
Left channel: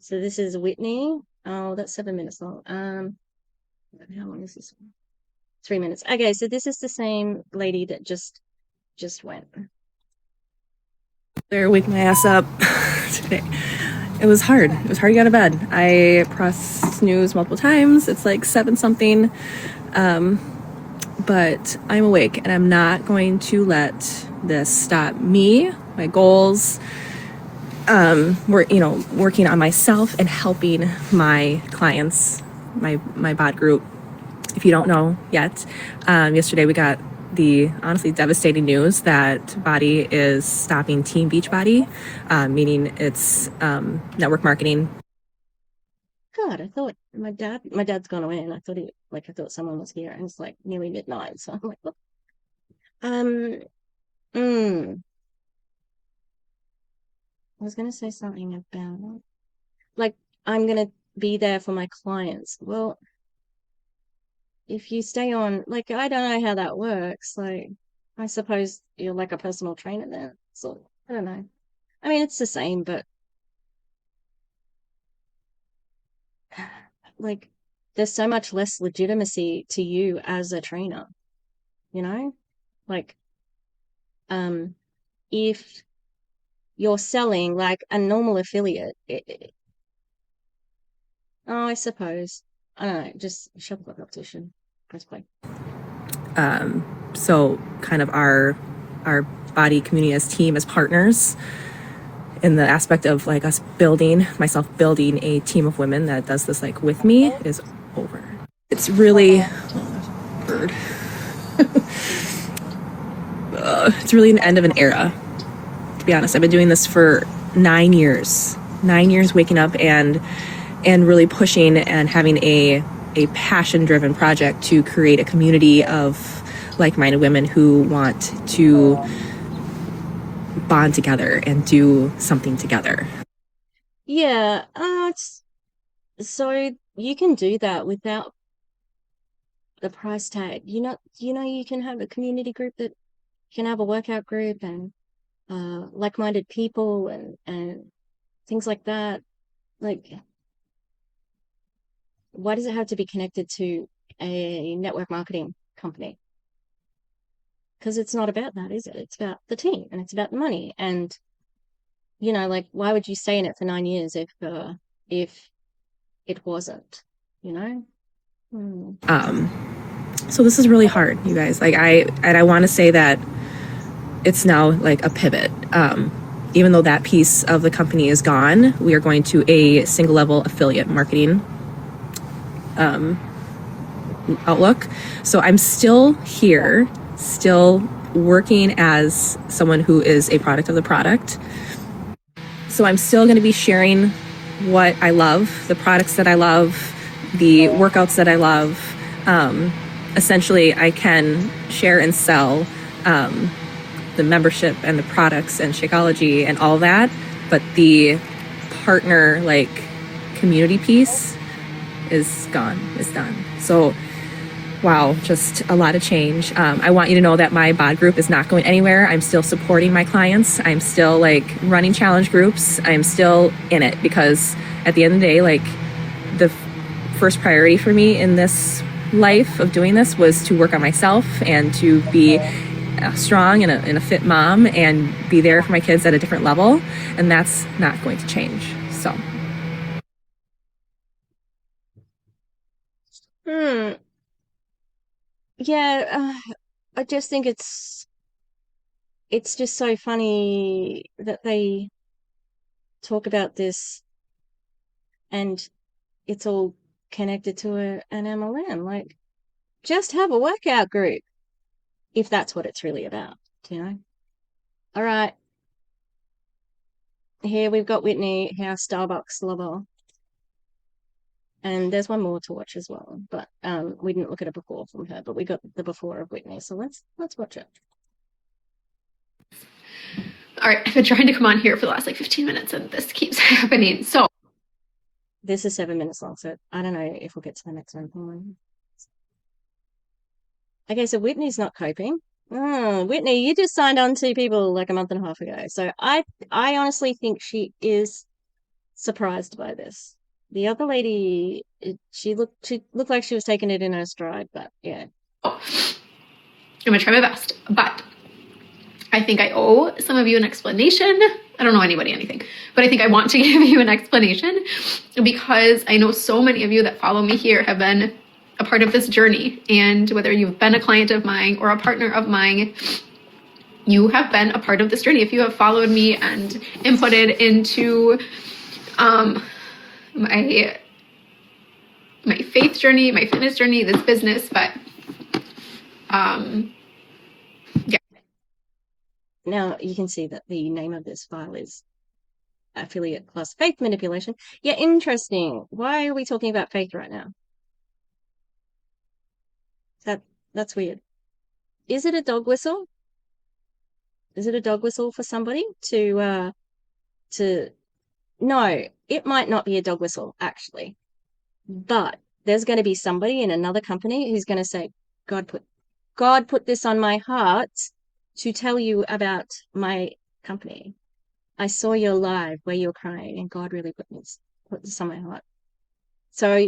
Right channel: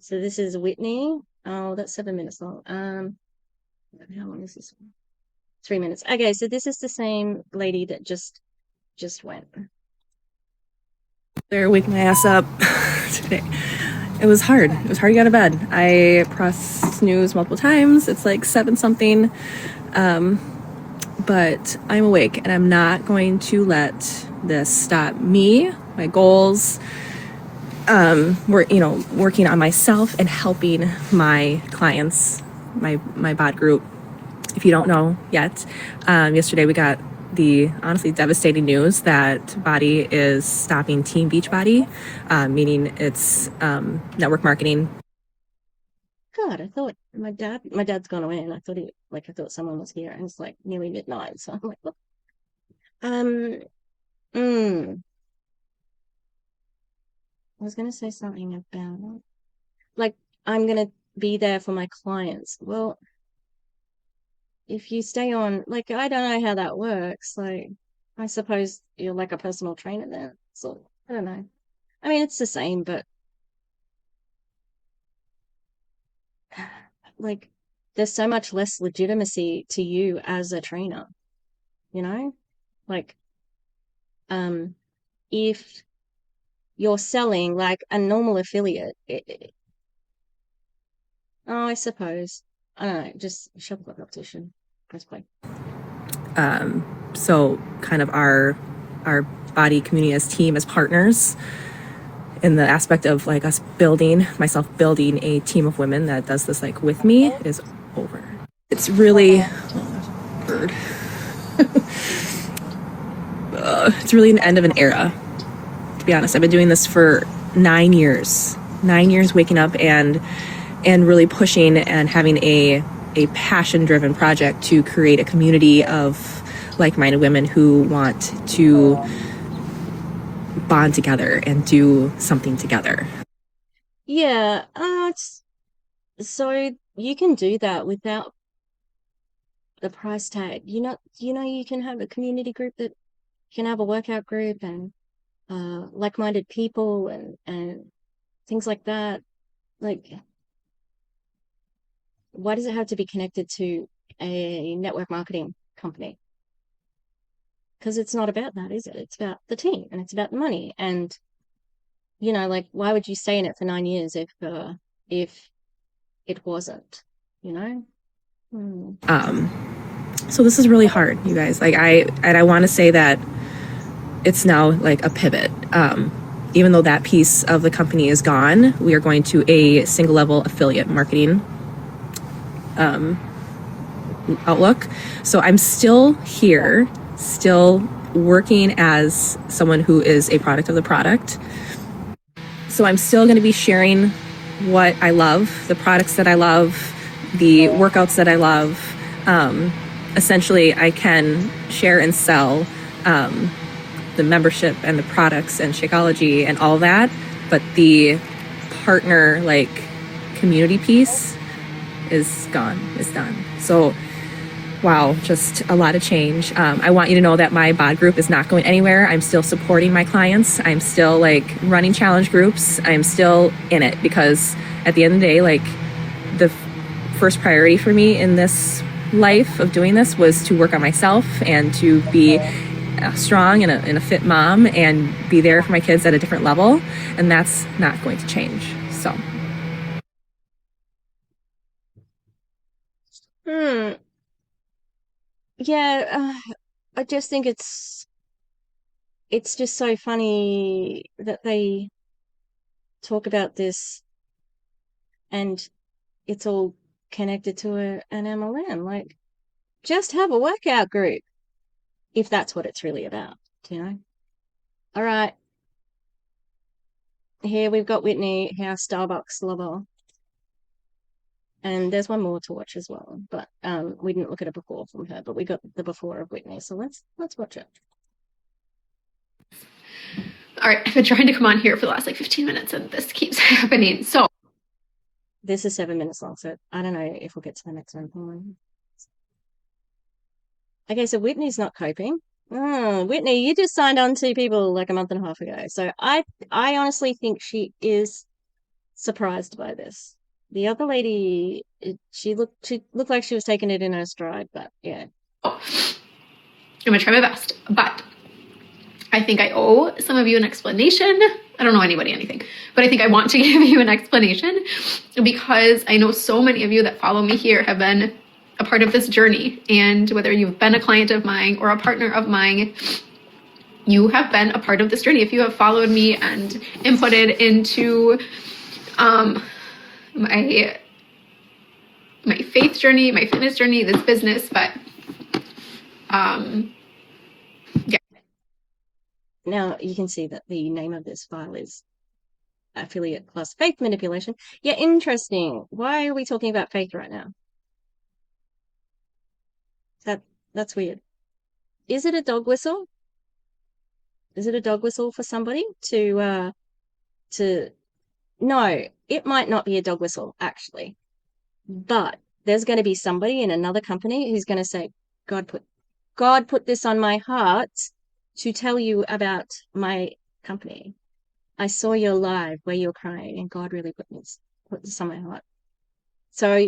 So this is Whitney. Oh, that's 7 minutes long. How long is this one? 3 minutes. Okay, so this is the same lady that just went. There, wake my ass up today. It was hard. It was hard to get out of bed. I pressed snooze multiple times. It's like 7 something. But I'm awake and I'm not going to let this stop me, my goals, working on myself and helping my clients, my BOD group. If you don't know yet, yesterday we got the honestly devastating news that BODI is stopping Team Beachbody, meaning it's network marketing. God, I thought my dad's gone away, and I thought someone was here, and it's like nearly midnight. So I'm like, what? I was gonna say something about like I'm gonna be there for my clients. Well, if you stay on, like, I don't know how that works. Like, I suppose you're like a personal trainer there. So I don't know. I mean, it's the same, but like, there's so much less legitimacy to you as a trainer, you know? Like, if you're selling like a normal affiliate, oh, I suppose. I don't know, just shop the optician, I suppose. So kind of our BODI community as team, as partners, in the aspect of like myself building a team of women that does this like with me is over. It's really it's really an end of an era, to be honest. I've been doing this for 9 years. 9 years waking up and really pushing and having a passion driven project to create a community of like-minded women who want to bond together and do something together. Yeah, so you can do that without the price tag. You can have a community group that can have a workout group and like-minded people and things like that. Like, why does it have to be connected to a network marketing company? Because it's not about that, is it? It's about the team and it's about the money. And like, why would you stay in it for 9 years if it wasn't? You know? So this is really hard, you guys. Like I want to say that it's now like a pivot. Even though that piece of the company is gone, we are going to a single level affiliate marketing outlook. So I'm still here, still working as someone who is a product of the product. So I'm still going to be sharing what I love, the products that I love, the workouts that I love. Essentially, I can share and sell the membership and the products and Shakeology and all that, but the partner like community piece is gone, is done. So wow, just a lot of change. I want you to know that my BOD group is not going anywhere. I'm still supporting my clients. I'm still like running challenge groups. I'm still in it because at the end of the day, like the first priority for me in this life of doing this was to work on myself and to be strong and a fit mom and be there for my kids at a different level. And that's not going to change. So. Yeah, I just think it's just so funny that they talk about this and it's all connected to an MLM. Like, just have a workout group if that's what it's really about, you know? All right. Here we've got Whitney, our Starbucks lover. And there's one more to watch as well. But we didn't look at a before from her, but we got the before of Whitney. So let's watch it. All right, I've been trying to come on here for the last like 15 minutes and this keeps happening. So this is 7 minutes long, so I don't know if we'll get to the next one. Okay, so Whitney's not coping. Oh, Whitney, you just signed on to people like a month and a half ago. So I honestly think she is surprised by this. The other lady, she looked like she was taking it in her stride, but yeah. I'm gonna try my best, but I think I owe some of you an explanation. I don't know anybody anything, but I think I want to give you an explanation because I know so many of you that follow me here have been a part of this journey. And whether you've been a client of mine or a partner of mine, you have been a part of this journey. If you have followed me and inputted into my faith journey, my fitness journey, this business, but yeah. Now you can see that the name of this file is affiliate plus faith manipulation. Yeah, interesting. Why are we talking about faith right now? That's weird. Is it a dog whistle? Is it a dog whistle for somebody to no, it might not be a dog whistle, actually. But there's going to be somebody in another company who's going to say, God put this on my heart to tell you about my company. I saw your live where you're crying, and God really put this on my heart. So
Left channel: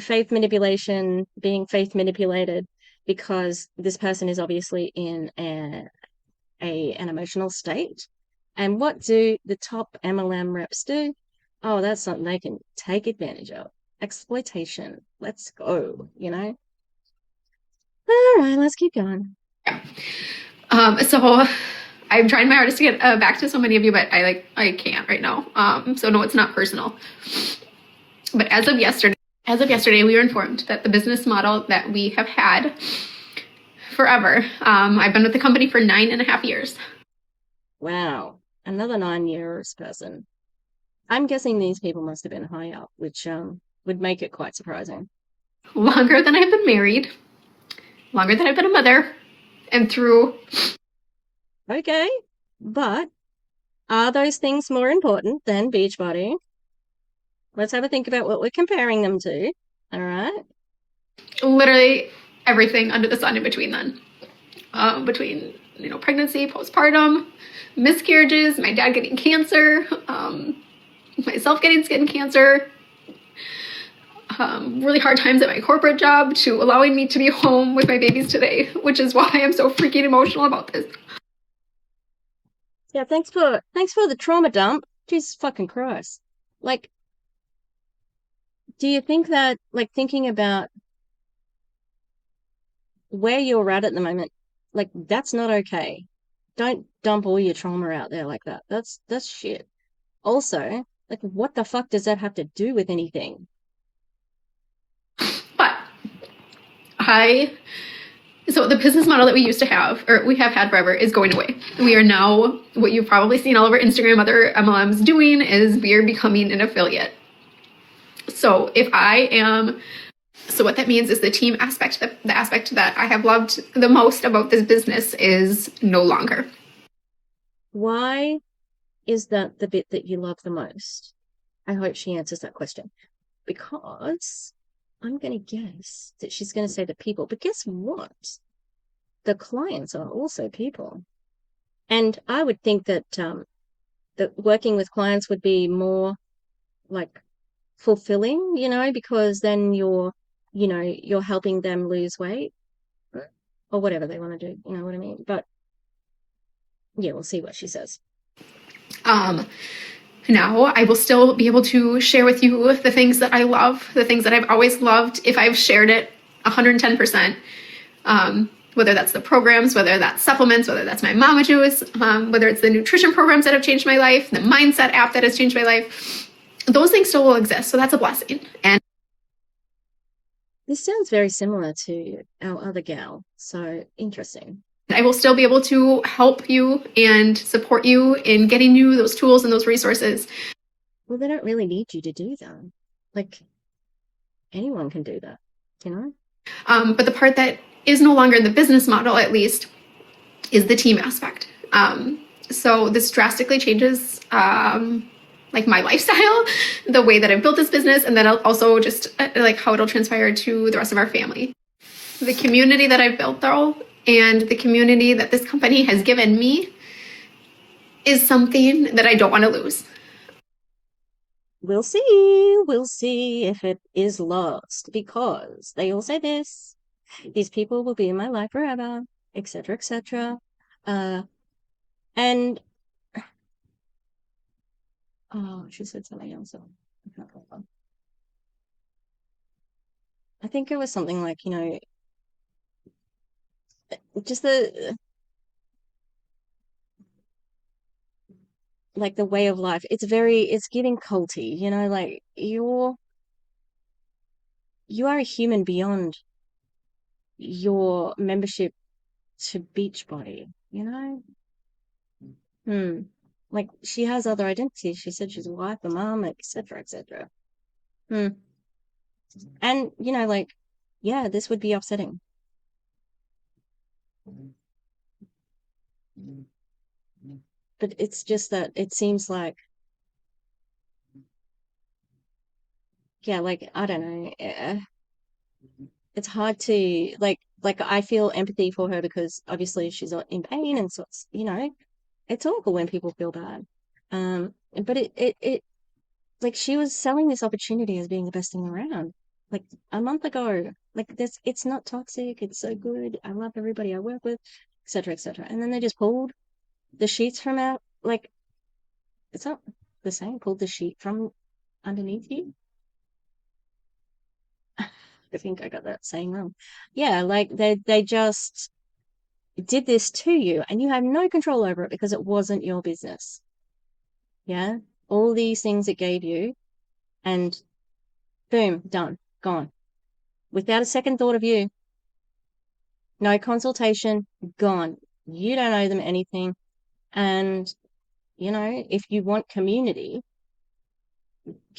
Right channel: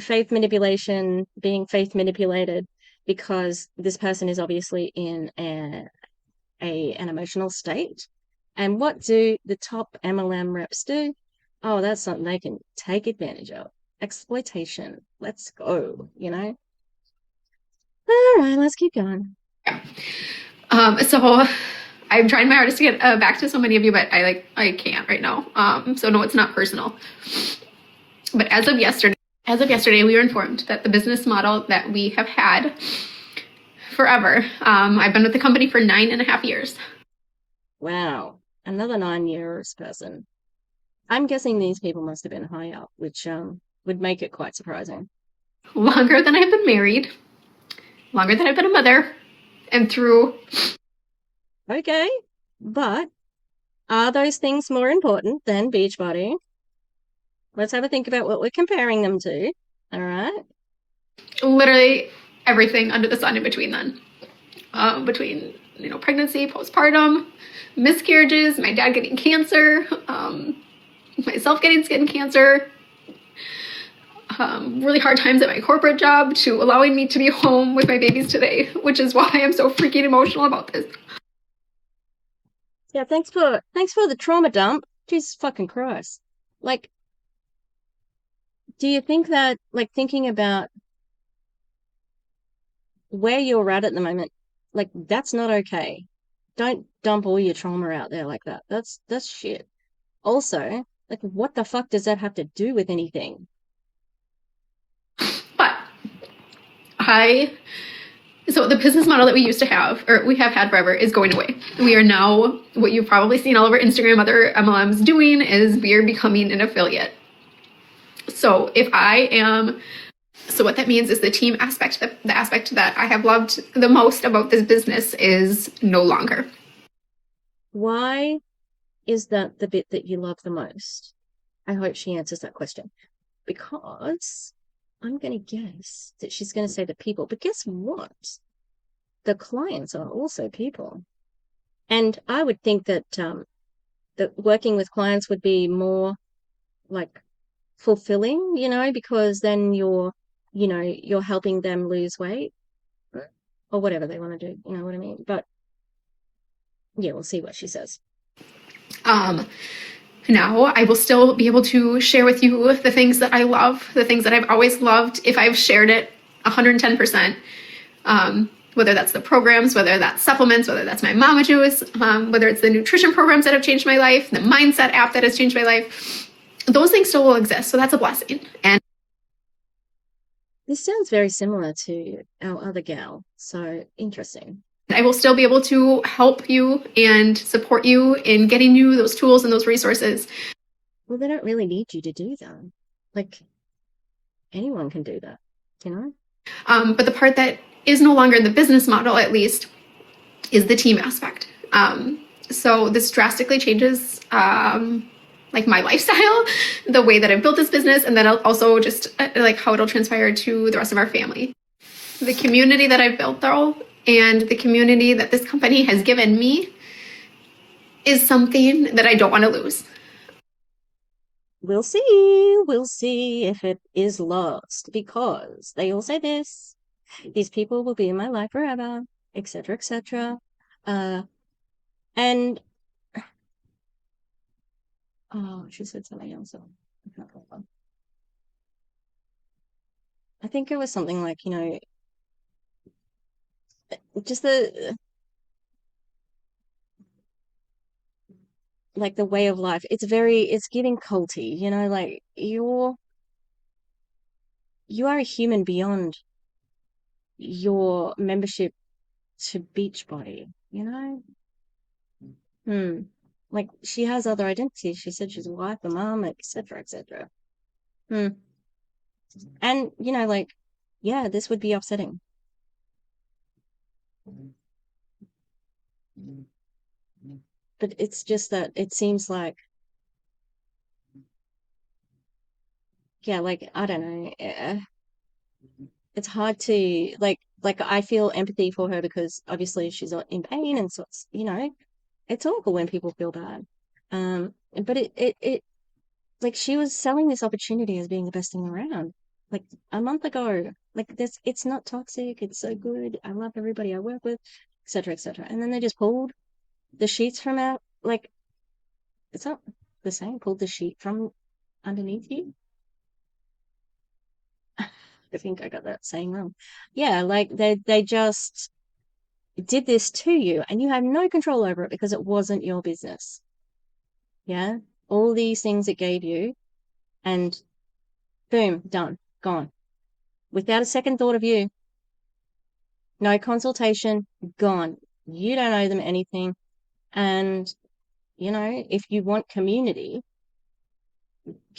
faith manipulation, being faith manipulated, because this person is obviously in an emotional state. And what do the top MLM reps do? Oh, that's something they can take advantage of. Exploitation. Let's go, you know? All right, let's keep going. So I'm trying my hardest to get back to so many of you, but I can't right now. So no, it's not personal. But as of yesterday, we were informed that the business model that we have had forever, I've been with the company for 9.5 years. Wow. Another 9 years person. I'm guessing these people must have been high up, which would make it quite surprising. Longer than I've been married, longer than I've been a mother, and through. Okay. But are those things more important than Beachbody? Let's have a think about what we're comparing them to. All right. Literally everything under the sun in between then. Between, pregnancy, postpartum, miscarriages, my dad getting cancer, myself getting skin cancer, really hard times at my corporate job, to allowing me to be home with my babies today, which is why I'm so freaking emotional about this. Yeah, thanks for the trauma dump. Jesus fucking Christ. Like, do you think that, like, thinking about where you're at the moment, like, that's not okay. Don't dump all your trauma out there like that. That's shit. Also, like, what the fuck does that have to do with anything? But so the business model that we used to have, or we have had forever, is going away. We are now, what you've probably seen all over Instagram, other MLMs doing, is we are becoming an affiliate. So what that means is the team aspect, the aspect that I have loved the most about this business is no longer. Why is it the bit that you love the most? I hope she answers that question. Because I'm going to guess that she's going to say the people. But guess what? The clients are also people. And I would think that that working with clients would be more like fulfilling, because then you're helping them lose weight or whatever they want to do. You know what I mean? But yeah, we'll see what she says. I will still be able to share with you the things that I love, the things that I've always loved, if I've shared it 110%. whether that's the programs, whether that's supplements, whether that's my mama juice, whether it's the nutrition programs that have changed my life, the mindset app that has changed my life, those things still will exist. So that's a blessing. And This sounds very similar to our other gal. So interesting. I will still be able to help you and support you in getting you those tools and those resources. Well, they don't really need you to do that. Like, anyone can do that, you know? But the part that is no longer in the business model, at least, is the team aspect. So this drastically changes like my lifestyle, the way that I've built this business, and then also just like how it'll transpire to the rest of our family. The community that I've built, though, and the community that this company has given me is something that I don't want to lose. We'll see. We'll see if it is lost, because they all say this. These people will be in my life forever, etc., etc. And oh, she said something else. So I can't remember. I think it was something like, you know, just like the way of life. It's getting culty, you know, like you are a human beyond your membership to Beachbody, you know? Like, she has other identities. She said she's a wife, a mom, etc., etc. And, you know, like, yeah, this would be upsetting. But it's just that it seems like, yeah, like, I don't know. It's hard to, like I feel empathy for her because obviously she's in pain, and so it's, you know, it's awful when people feel bad. But it like, she was selling this opportunity as being the best thing around, like a month ago. Like, this, it's not toxic. It's so good. I love everybody I work with, etc., etc. And then they just pulled the sheets from out. Like, it's not the same. Pulled the sheet from underneath you. I think I got that saying wrong. Yeah, like they just did this to you, and you have no control over it because it wasn't your business. Yeah, all these things it gave you, and boom, done, gone, without a second thought of you. No consultation, gone. You don't owe them anything. And, you know, if you want community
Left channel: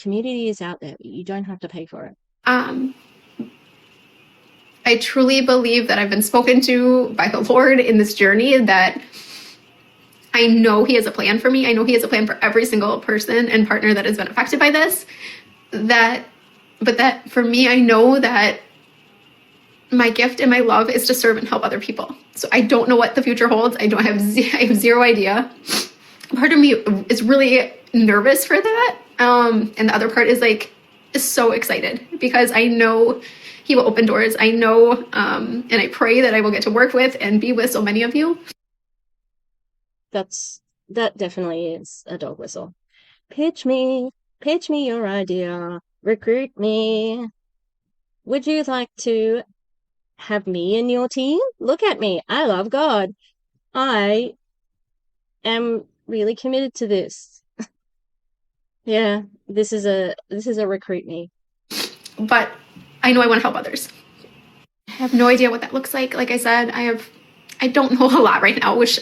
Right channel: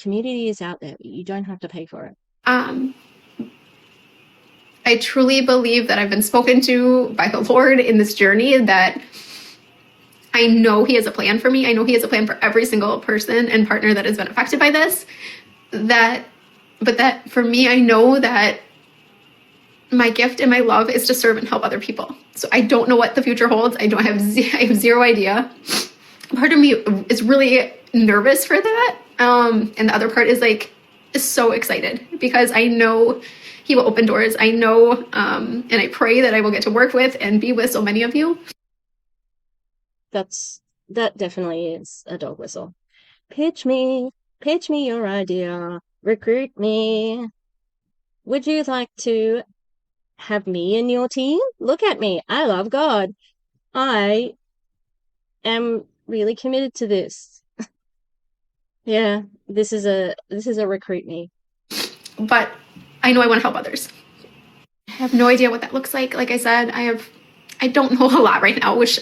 is out there. You don't have to pay for it. I truly believe that I've been spoken to by the Lord in this journey, that I know He has a plan for me. I know He has a plan for every single person and partner that has been affected by this. But that for me, I know that my gift and my love is to serve and help other people. So I don't know what the future holds. I have zero idea. Part of me is really nervous for that. And the other part is so excited because I know He will open doors. I know, and I pray that I will get to work with and be with so many of you. That definitely is a dog whistle. Pitch me your idea, recruit me. Would you like to have me in your team? Look at me. I love God. I am really committed to this. Yeah, this is a recruit me. But I know I want to help others. I have no idea what that looks like. Like I said, I don't know a lot right now, which,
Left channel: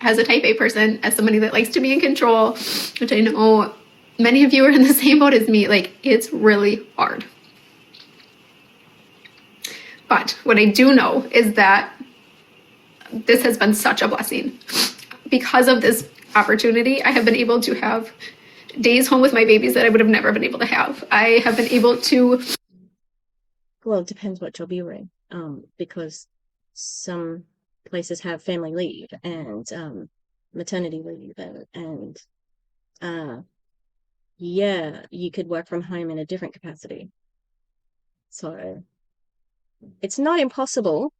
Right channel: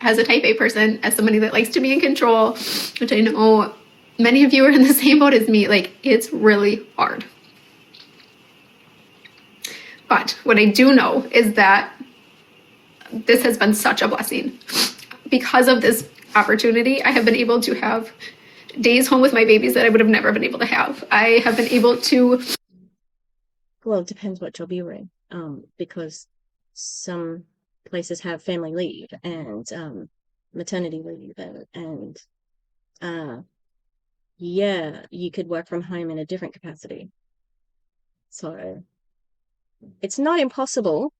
as a type A person, as somebody that likes to be in control, which I know many of you are in the same boat as me, it's really hard. But what I do know is that this has been such a blessing. Because of this opportunity, I have been able to have days home with my babies that I would have never been able to have. I have been able to... Well, it depends what job you're in, because some places have family leave and maternity leave, and yeah, you could work from home in a different capacity. So it's not impossible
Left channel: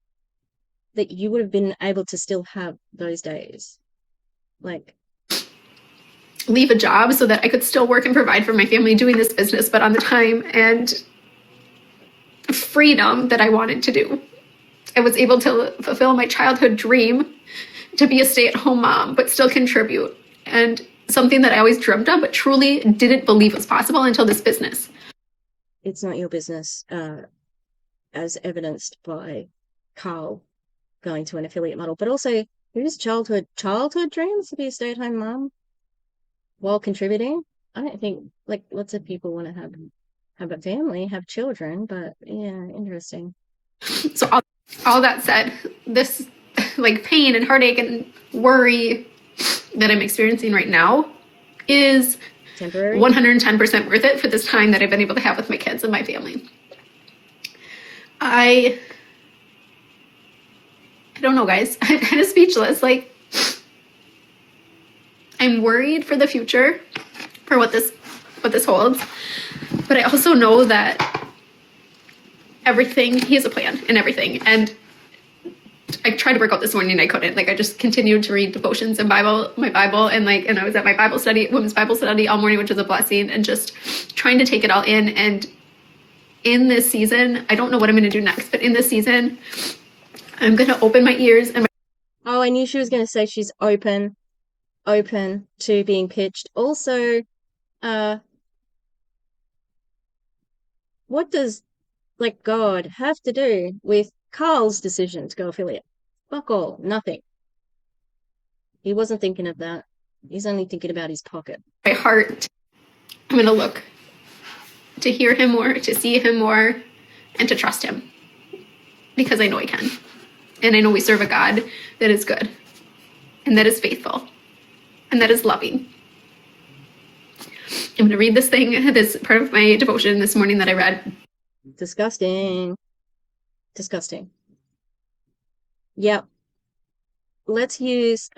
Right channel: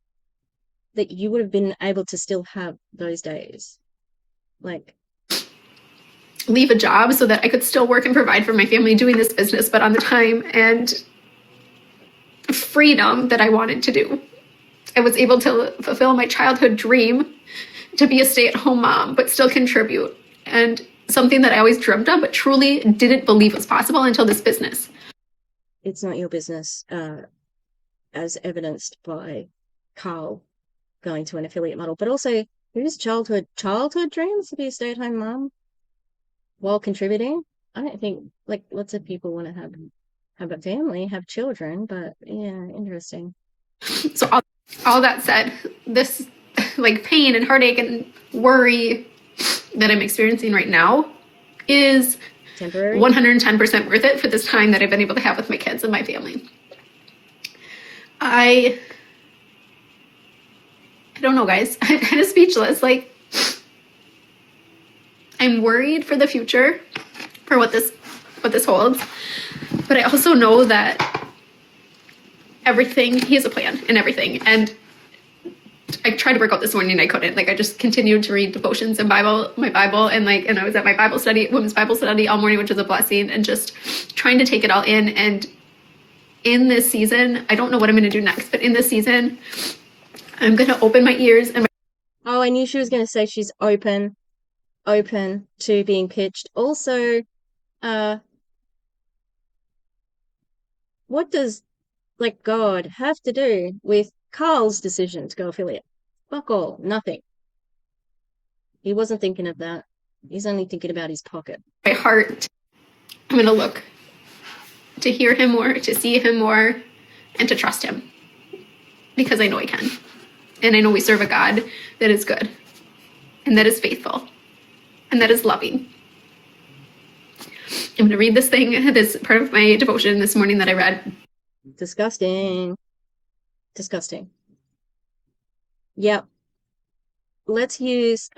that you would have been able to still have those days. Leave a job so that I could still work and provide for my family doing this business, but on the time and freedom that I wanted to do. I was able to fulfill my childhood dream to be a stay-at-home mom, but still contribute. And something that I always dreamt of, but truly didn't believe was possible until this business. It's not your business, as evidenced by Carl going to an affiliate model, but also whose childhood dreams to be a stay-at-home mom while contributing? I don't think, like, lots of people want to have a family, have children, but yeah, interesting. So all that said, this like pain and heartache and worry that I'm experiencing right now is Temporary. 110% worth it for this time that I've been able to have with my kids and my family. I don't know, guys. I'm kind of speechless. Like, I'm worried for the future, for what this holds. But I also know that he has a plan and everything. And I tried to work out this morning and I couldn't. Like, I just continued to read devotions and my Bible, and I was at my women's Bible study all morning, which was a blessing, and just trying to take it all in. And in this season, I don't know what I'm going to do next, but in this season, I'm going to open my ears and Oh, I knew she was going to say she's open to being pitched. Also, what does, like, God have to do with Carl's decision to go affiliate? Fuck all, nothing. He wasn't thinking of that. He's only thinking about his pocket. my heart. I'm going to look to hear him more, to see him more, and to trust him. Because I know I can. And I know we serve a God that is good, and that is faithful, and that is loving. I'm going to read this part of my devotion this morning that I read. Disgusting. Yep. Let's use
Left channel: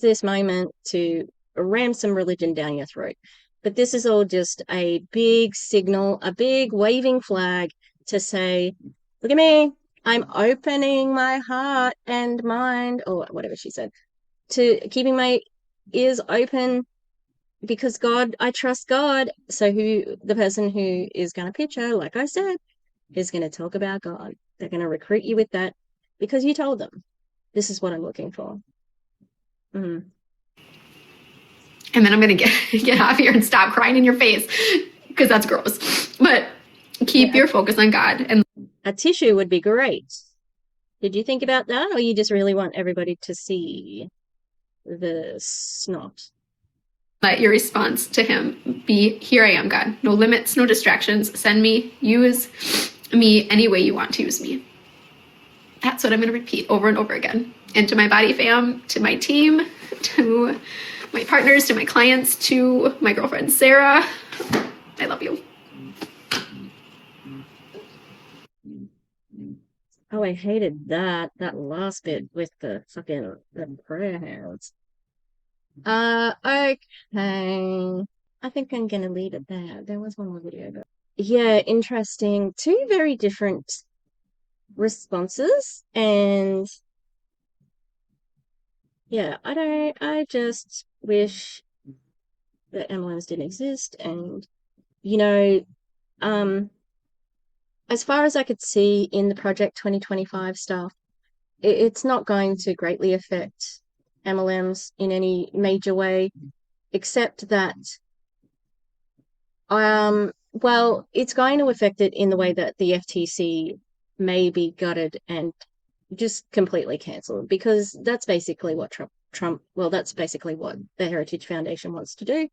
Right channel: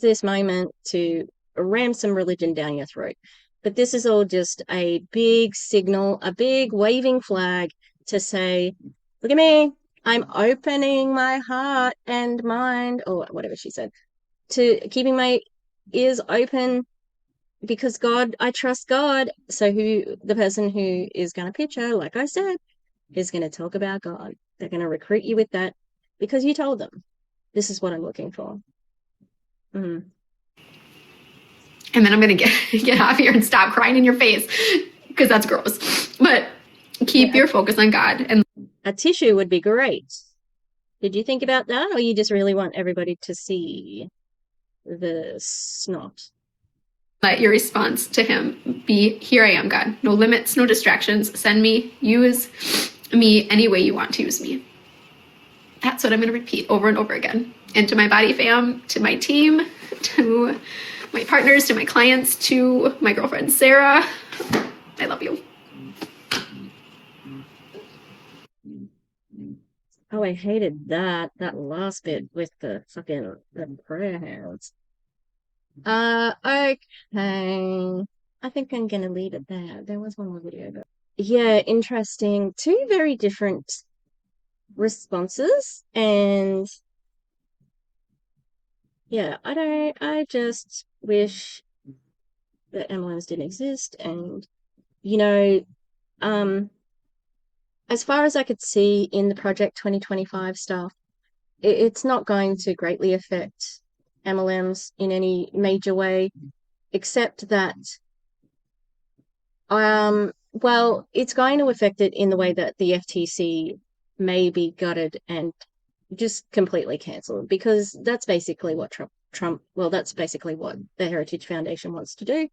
this moment to ram some religion down your throat. But this is all just a big signal, a big waving flag to say, look at me, I'm opening my heart and mind, or whatever she said, to keeping my ears open because God, I trust God. So the person who is going to pitch her, like I said, is going to talk about God. They're going to recruit you with that because you told them, this is what I'm looking for. Mm. And then I'm going to get off here and stop crying in your face because that's gross. But keep your focus on God. And a tissue would be great. Did you think about that, or you just really want everybody to see the snot? let your response to him be, here I am, God. No limits, no distractions. Send me, use me any way you want to use me. That's what I'm going to repeat over and over again. And to my body fam, to my team, to my partners, to my clients, to my girlfriend, Sarah, I love you. Oh, I hated that last bit with the fucking prayer hands. Okay. I think I'm gonna leave it there. There was one more video, but yeah, interesting. Two very different responses, and yeah, I just wish that MLMs didn't exist, and as far as I could see in the Project 2025 stuff, it's not going to greatly affect MLMs in any major way, except that, well, it's going to affect it in the way that the FTC may be gutted and just completely cancelled, because that's basically what that's basically what the Heritage Foundation wants to do.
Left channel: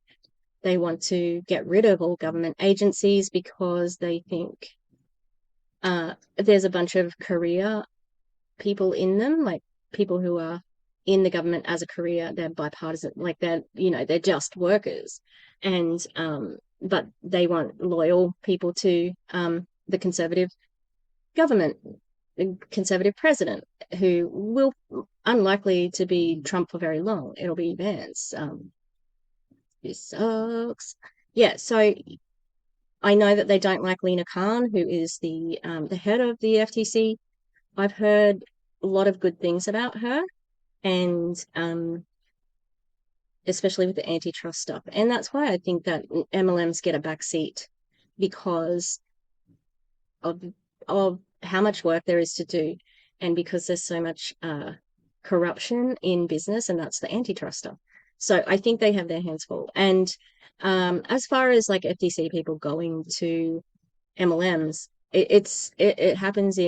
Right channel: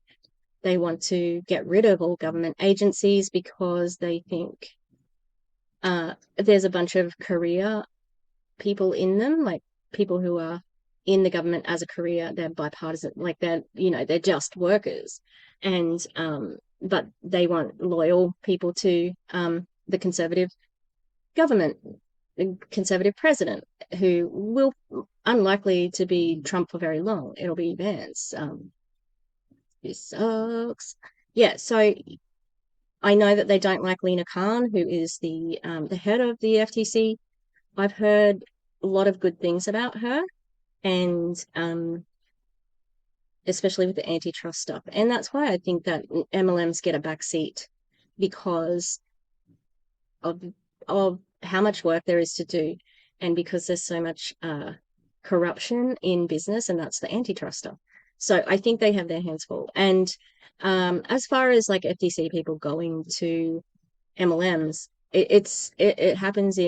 They want to get rid of all government agencies because they think there's a bunch of career people in them, like people who are in the government as a career. They're bipartisan, like they're just workers, and but they want loyal people to the conservative government, conservative president, who will unlikely to be Trump for very long. It'll be theirs. He sucks. Yeah, so I know that they don't like Lena Khan, who is the head of the FTC. I've heard a lot of good things about her, and especially with the antitrust stuff. And that's why I think that MLMs get a backseat, because of how much work there is to do, and because there's so much corruption in business, and that's the antitrust stuff. So I think they have their hands full. And as far as like FTC people going to MLMs, it happens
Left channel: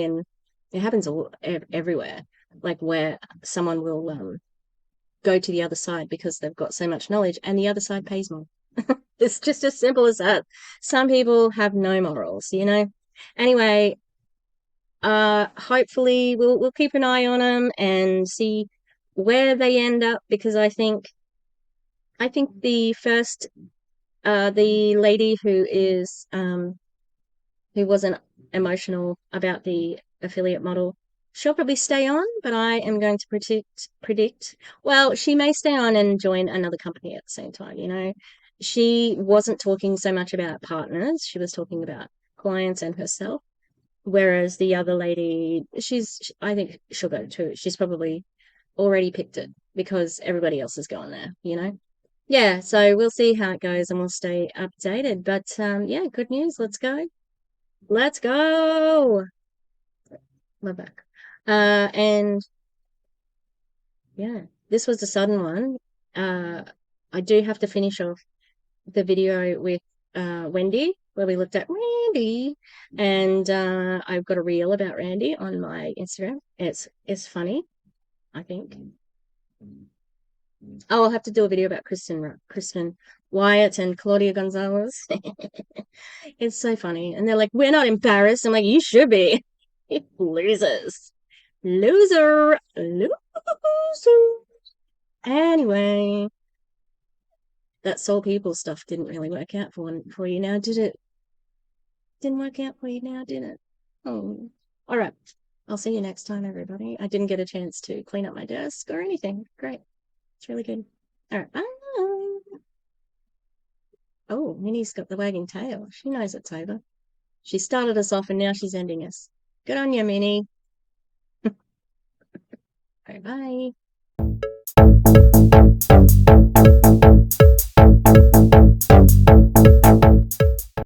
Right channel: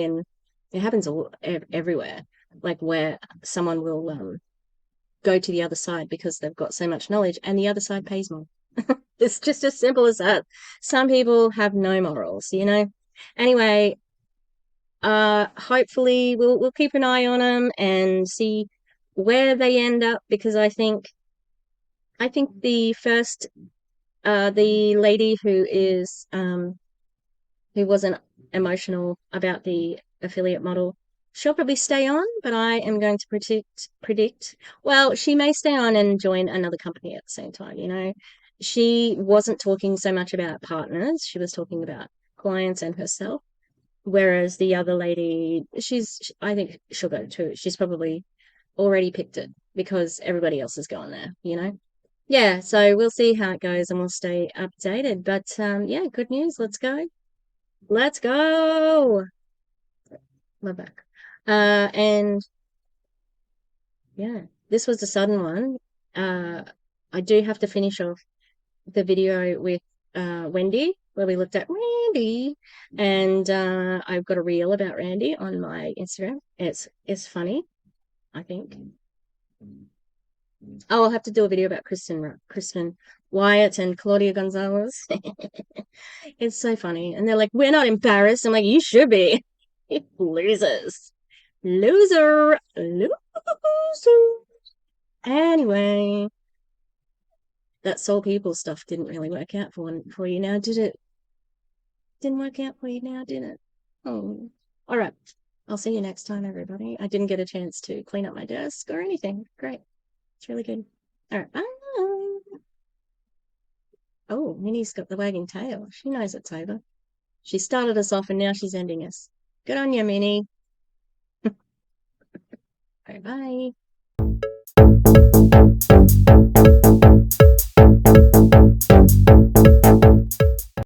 everywhere, like where someone will go to the other side because they've got so much knowledge, and the other side pays more. It's just as simple as that. Some people have no morals, you know. Anyway, hopefully we'll keep an eye on them and see where they end up, because I think the first the lady who wasn't emotional about the affiliate model, she'll probably stay on, but I am going to predict, well, she may stay on and join another company at the same time, you know. She wasn't talking so much about partners, she was talking about clients and herself. Whereas the other lady, I think she'll go too. She's probably already picked it because everybody else is going there, you know? Yeah, so we'll see how it goes and we'll stay updated. But yeah, good news. Let's go. Let's go. Love that. And yeah, this was a sudden one. I do have to finish off the video with Wendy, where we looked at Randy, and I've got a reel about Randy on my Instagram. It's funny, I think. Oh, I'll have to do a video about Kristen Wyatt and Claudia Gonzalez. It's so funny, and they're like, "We're not embarrassed." I'm like, "You should be." Losers, loser. Anyway, that Soul People stuff didn't really work out for you now, did it? Didn't work out for you now, did it? Oh, all right. I'll see you next time, everybody. I didn't get a chance to clean up my desk or anything. Great. It's really good. All right. Bye. Oh, Minnie's got the wagging tail. She knows it's over. She started us off and now she's ending us. Good on you, Minnie. Bye-bye.